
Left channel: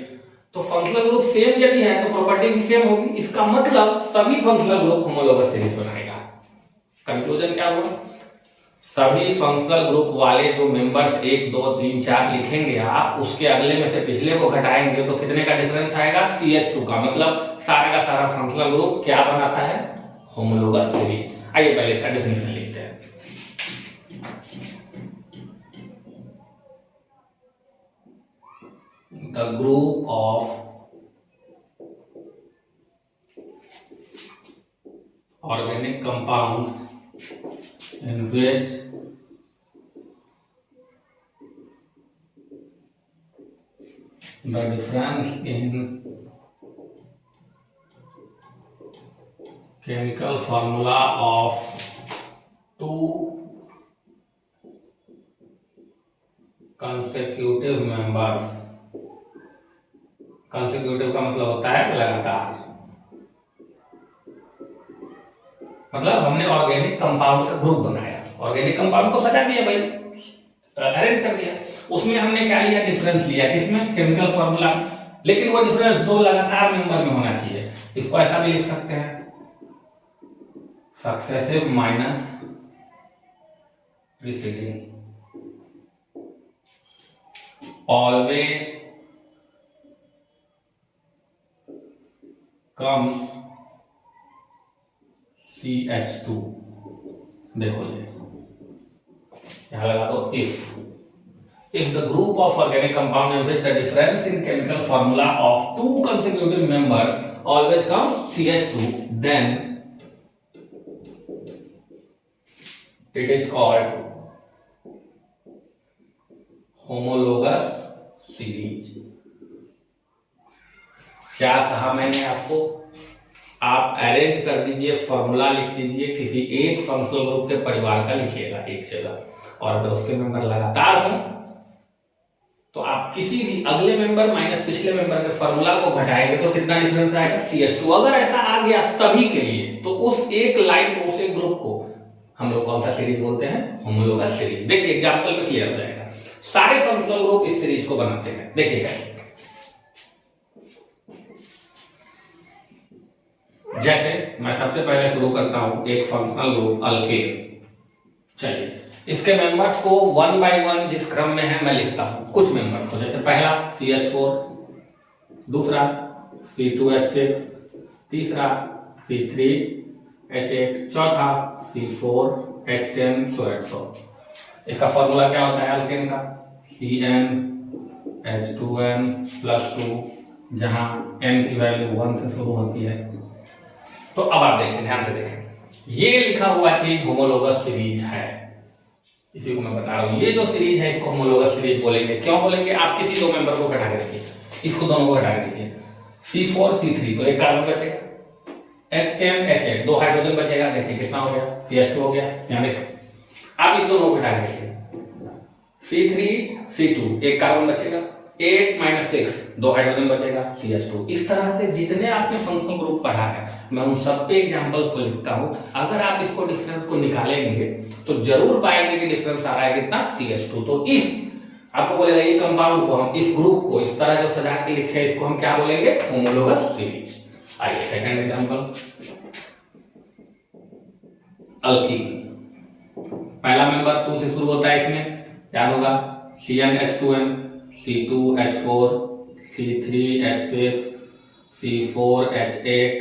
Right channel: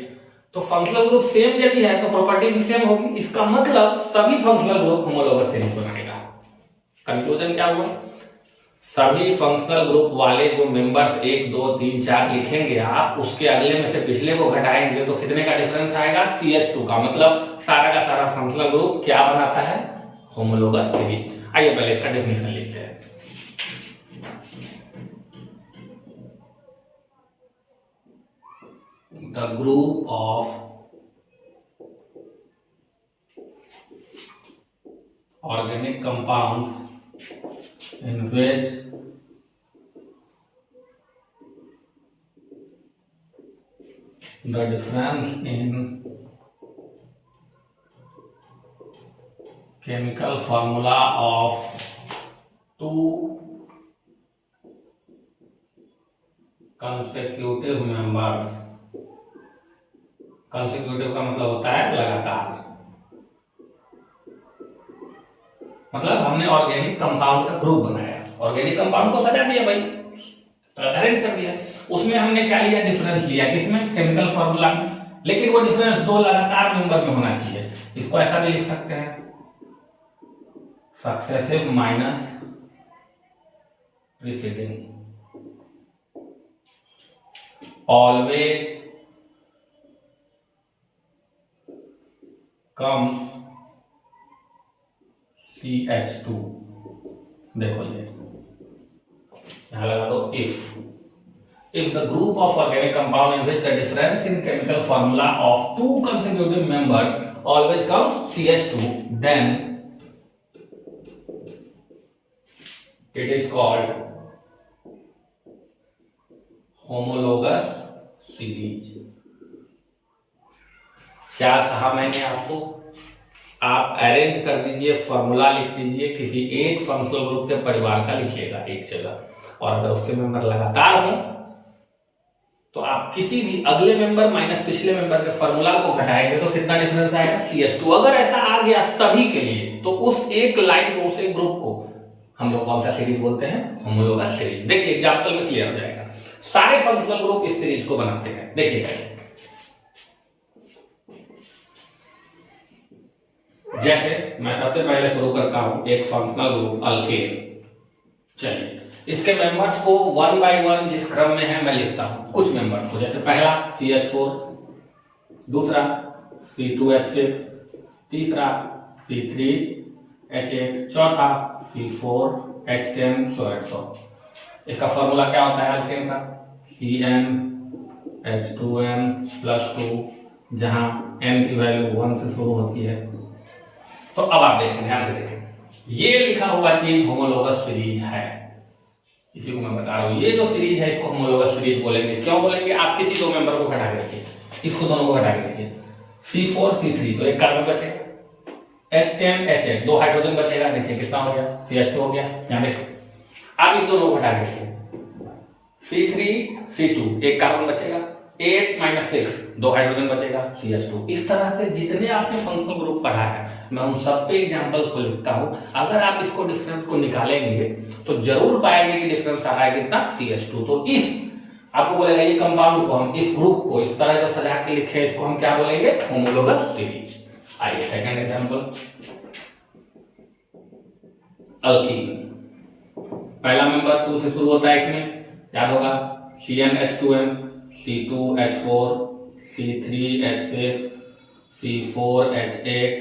तो फंक्शनल ग्रुप सेम यदि है तो प्रॉपर्टी भी सेम होगी। इसका मतलब सभी फंक्शनल ग्रुप होमोलोगस सीरीज बनाएगा। कंक्लूजन क्या हुआ? सभी फंक्शनल ग्रुप वाले जो मेंबर्स 1, 2, 3, 4 लिखेंगे आप, उसके अगले में से पिछले को घटाएंगे तो कितने का डिफरेंस आएगा? CH2 का। मतलब सारा का सारा फंक्शनल ग्रुप क्या बनाता है? Homologous series. आइए पहले इसका डेफिनेशन लिखते हैं। The group of organic compounds in which the difference in chemical formula of 2 consecutive members, consecutive का मतलब होता है लगातार, मतलब हमने ऑर्गेनिक कंपाउंड का ग्रुप बनाया, ऑर्गेनिक कंपाउंड को सजा दिया भाई, अरेंज कर दिया, उसमें हमने क्या लिया? डिफरेंस लिया। किसमें? केमिकल फॉर्मूला में। लेकिन वो डिफरेंस 2 लगातार मेंबर में होना चाहिए। इसको ऐसा भी लिख सकते हैं, successive minus preceding, always comes CH2। देखो ये यहां लगा दो if the group of organic compound in which the difference in chemical formula of 2 consecutive members always comes CH2, then it is called homologous series। क्या कहा मैंने आपको? आप अरेंज कर दीजिए, फॉर्मूला लिख दीजिए, किसी एक फंक्शनल ग्रुप के परिवार का लिखिएगा एक जगह, और अगर उसके मेंबर लगातार हों तो आप किसी भी अगले मेंबर माइनस पिछले मेंबर के फॉर्मूला को घटाएंगे तो कितना डिफरेंस आएगा? CH2। अगर ऐसा आ गया सभी के लिए तो उस एक लाइन को, उस एक ग्रुप को हम लोग कौन सा सीरीज बोलते हैं? Homologous series. देखिए एग्जांपल में क्लियर हो जाएगा। सारे फंक्शनल ग्रुप इस सीरीज को बनाते हैं। देखिए कैसे, जैसे मैं सबसे पहले शुरू करता हूं एक फंक्शनल ग्रुप अल्केन। चलिए इसके मेंबर्स को वन बाय वन जिस क्रम में है मैं लिखता हूं कुछ मेंबर्स को। जैसे पहला CH4, दूसरा C2H6, तीसरा C3H8, चौथा C4H10, सो इसका फॉर्मूला क्या होता है अल्केन का? CnH2n+2, जहां n की वैल्यू 1 से शुरू होती है। तो अब आप देखें, ध्यान से देखें, ये लिखा हुआ चीज होमोलोगस सीरीज है। इसी को मैं बता रहा हूं, ये जो सीरीज है इसको होमोलोगस सीरीज बोलेंगे। क्यों बोलेंगे? आप किसी दो मेंबर को घटा के रखिए, इसको दोनों को घटा के रखिए। C4 C3 तो एक कार्बन बचेगा, H10 H8 दो हाइड्रोजन बचेगा। देखिए कितना हो गया? CH2 हो गया। यहां देखो, आप इस दोनों को घटा के रखिए। C3 C2 एक कार्बन बचेगा, 8 - 6 दो हाइड्रोजन बचेगा, CH2। इस तरह से जितने आपने फंक्शनल ग्रुप पढ़ा है मैं उन सब पे एग्जांपल्स को लिखता हूं। अगर आप इसको डिफरेंस को निकालेंगे तो जरूर पाएंगे कि डिफरेंस आ रहा है कितना? CH2। तो इस आपको बोलेगा ये कंपाउंड को, हम इस ग्रुप को इस तरह जो सजा के लिखे इसको हम क्या बोलेंगे? Homologous series. आइए सेकंड एग्जांपल, अल्कीन। पहला मेंबर 2 से शुरू होता है, इसमें याद होगा CnH2n, C2H4, C3H6, C4H8,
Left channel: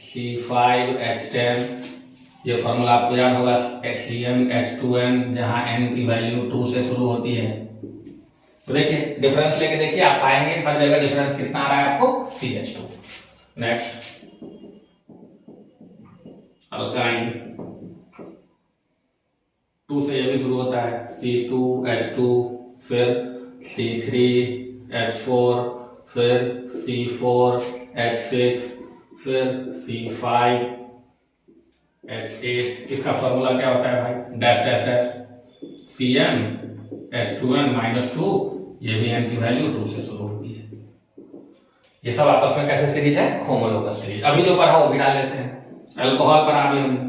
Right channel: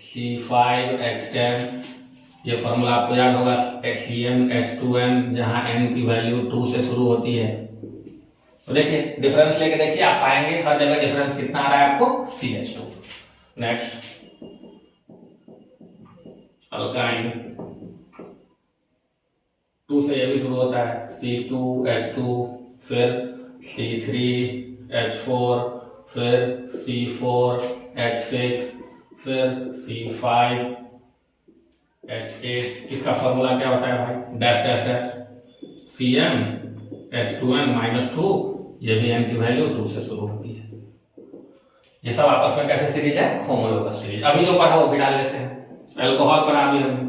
C5H10। ये फॉर्मूला आपको याद होगा CnH2n, जहां n की वैल्यू 2 से शुरू होती है। तो देखिए डिफरेंस लेके देखिए, आप पाएंगे हर जगह डिफरेंस कितना आ रहा है आपको? CH2। नेक्स्ट अल्काइन, 2 से ये भी शुरू होता है, C2H2, फिर C3H4, फिर C4H6, फिर C5H8। इसका फॉर्मूला क्या होता है भाई? डैश डैश डैश CnH2n -2, ये भी n की वैल्यू 2 से शुरू होती है। ये सब आपस में कैसे सीरीज है? Homologous series. अभी जो पढ़ा वो भी डाल लेते हैं। अल्कोहल पर अभी हमने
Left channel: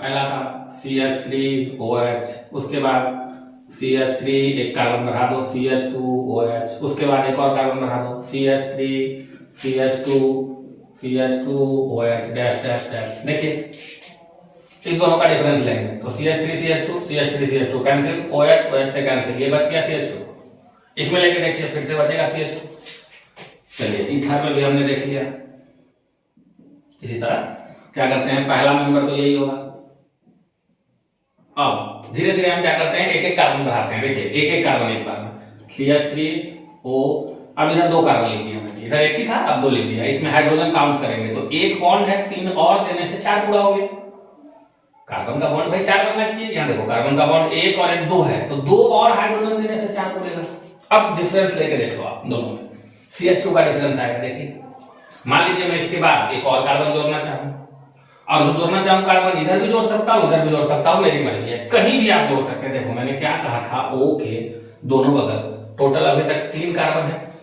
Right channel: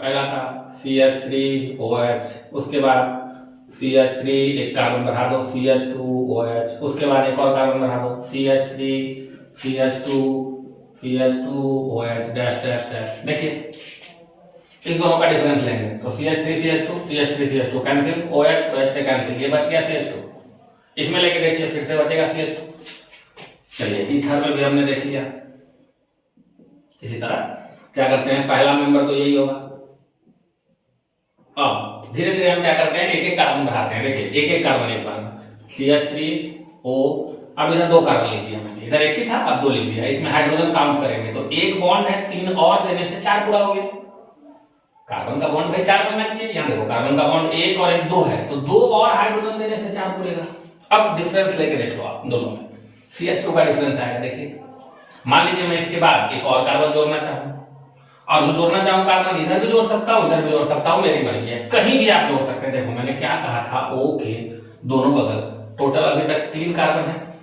पहला था CH3OH, उसके बाद CH3 एक कार्बन बढ़ा दो CH2OH, उसके बाद एक और कार्बन बढ़ा दो CH3 CH2 CH2OH dash dash dash. देखिए इस दोनों का डिफरेंस लेंगे तो CH3 CH2 CH3 CH2 cancel, OH OH से कैंसिल, ये बच गया CH2। इसमें लेके देखिए फिर से बचेगा CH2। चलिए ईथर में भी हमने देख लिया। इसी तरह क्या करते हैं, पहला मेंबर तो यही होगा। अब धीरे धीरे हम क्या करते हैं, एक एक कार्बन बढ़ाते हैं। देखिए एक एक कार्बन एक बार में, CH3O, अब इधर 2 कार्बन लिख दिया मैंने, इधर एक ही था अब 2 लिख दिया। इसमें हाइड्रोजन काउंट करेंगे तो एक बॉन्ड है, 3 और देने से 4 पूरा हो गया। कार्बन का बॉन्ड भाई 4 बनना चाहिए। यहाँ देखो कार्बन का बॉन्ड 1 और 1 2 है, तो 2 और हाइड्रोजन देने से 4 बोलेगा। अब डिफरेंस लेके देख लो आप दोनों में, CH2 का डिफरेंस आएगा। देखिए मान लीजिए मैं इसके बाद एक और कार्बन जोड़ना चाहूँ, और जोड़ना चाहूँ कार्बन, इधर भी जोड़ सकता हूँ इधर भी जोड़ सकता हूँ, मेरी मर्जी है, कहीं भी आप जोड़ सकते हैं। देखो मैंने क्या कहा था, O के दोनों बगल टोटल अभी तक 3 कार्बन है।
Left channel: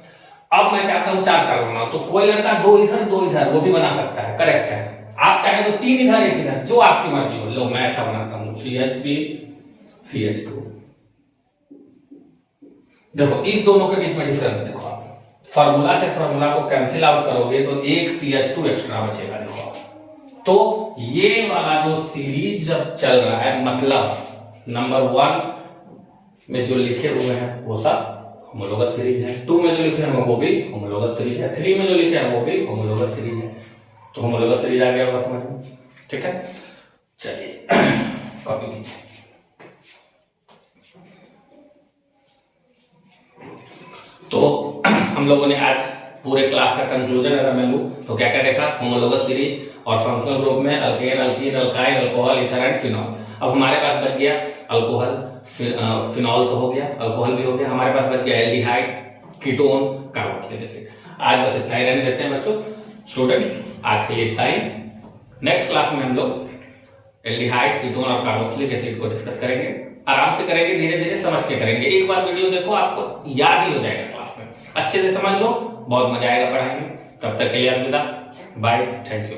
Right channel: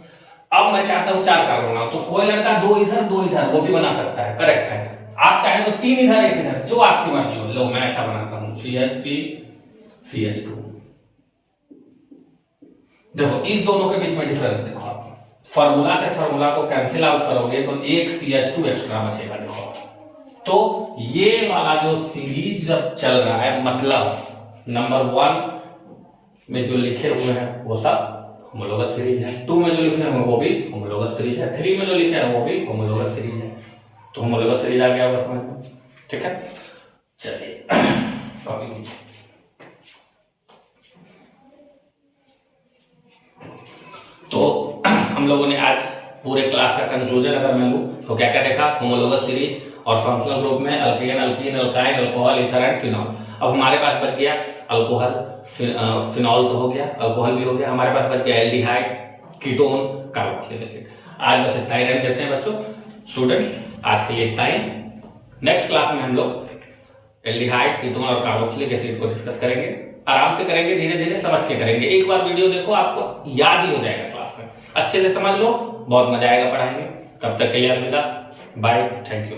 अब मैं चाहता हूँ 4 कार्बन बनाऊं, तो कोई लड़का 2 इधर 2 इधर वो भी बना सकता है, करेक्ट है। आप चाहे तो 3 इधर 1 इधर, जो आपकी मर्जी हो। लो मैं ऐसा बनाता हूँ CH3 CH2। देखो इस दोनों के बीच में डिफरेंस देखो, आप फॉर्मूला से फॉर्मूला को कैंसिल आउट करोगे तो एक CH2 एक्स्ट्रा बचेगा। देखो तो ये वाला जो सीरीज जब चल रहा है, मतलब नंबर 1 में जो लिखे हुए हैं वो सब होमोलोगस सीरीज है, 2 में जो लिखे हैं वो भी होमोलोगस सीरीज है, 3 में जो लिखे हैं वो भी होमोलोगस सीरीज है। तो होमोलोगस सीरीज आ गया होगा समझ में, ठीक है। चलिए कॉपी कीजिए। तो हम लोगों ने आज पूरे क्लास का कंक्लूजन अगर मैं लूं तो क्या क्या देखा, होमोलोगस सीरीज और फंक्शनल ग्रुप में alkane, alkyne, alkyne, alcohol, ether and phenol. अब हमारे पास बच गया अल्कोहल, फिनॉल तो हो गया, अल्कोहल भी हो गया, हमारे पास बच गया एल्डिहाइड, कीटोन, कार्बोक्सिलिक एसिड। आज बस इतना ही रहने देते हैं बच्चों। स्टूडेंट्स आज के लिए इतना ही। नेक्स्ट क्लास में हम लोग एल्डिहाइड, कीटोन और कार्बोक्सिलिक एसिड को डिस्कस करेंगे। आराम से करेंगे, धीरे धीरे समझ के करेंगे। एक बार वीडियो देखो आपको याद ही हो जाएगा, क्लास में अच्छे से समझ लो, बहुत मजा आएगा पढ़ाई में। तब तक के लिए अलविदा, बाय, थैंक यू।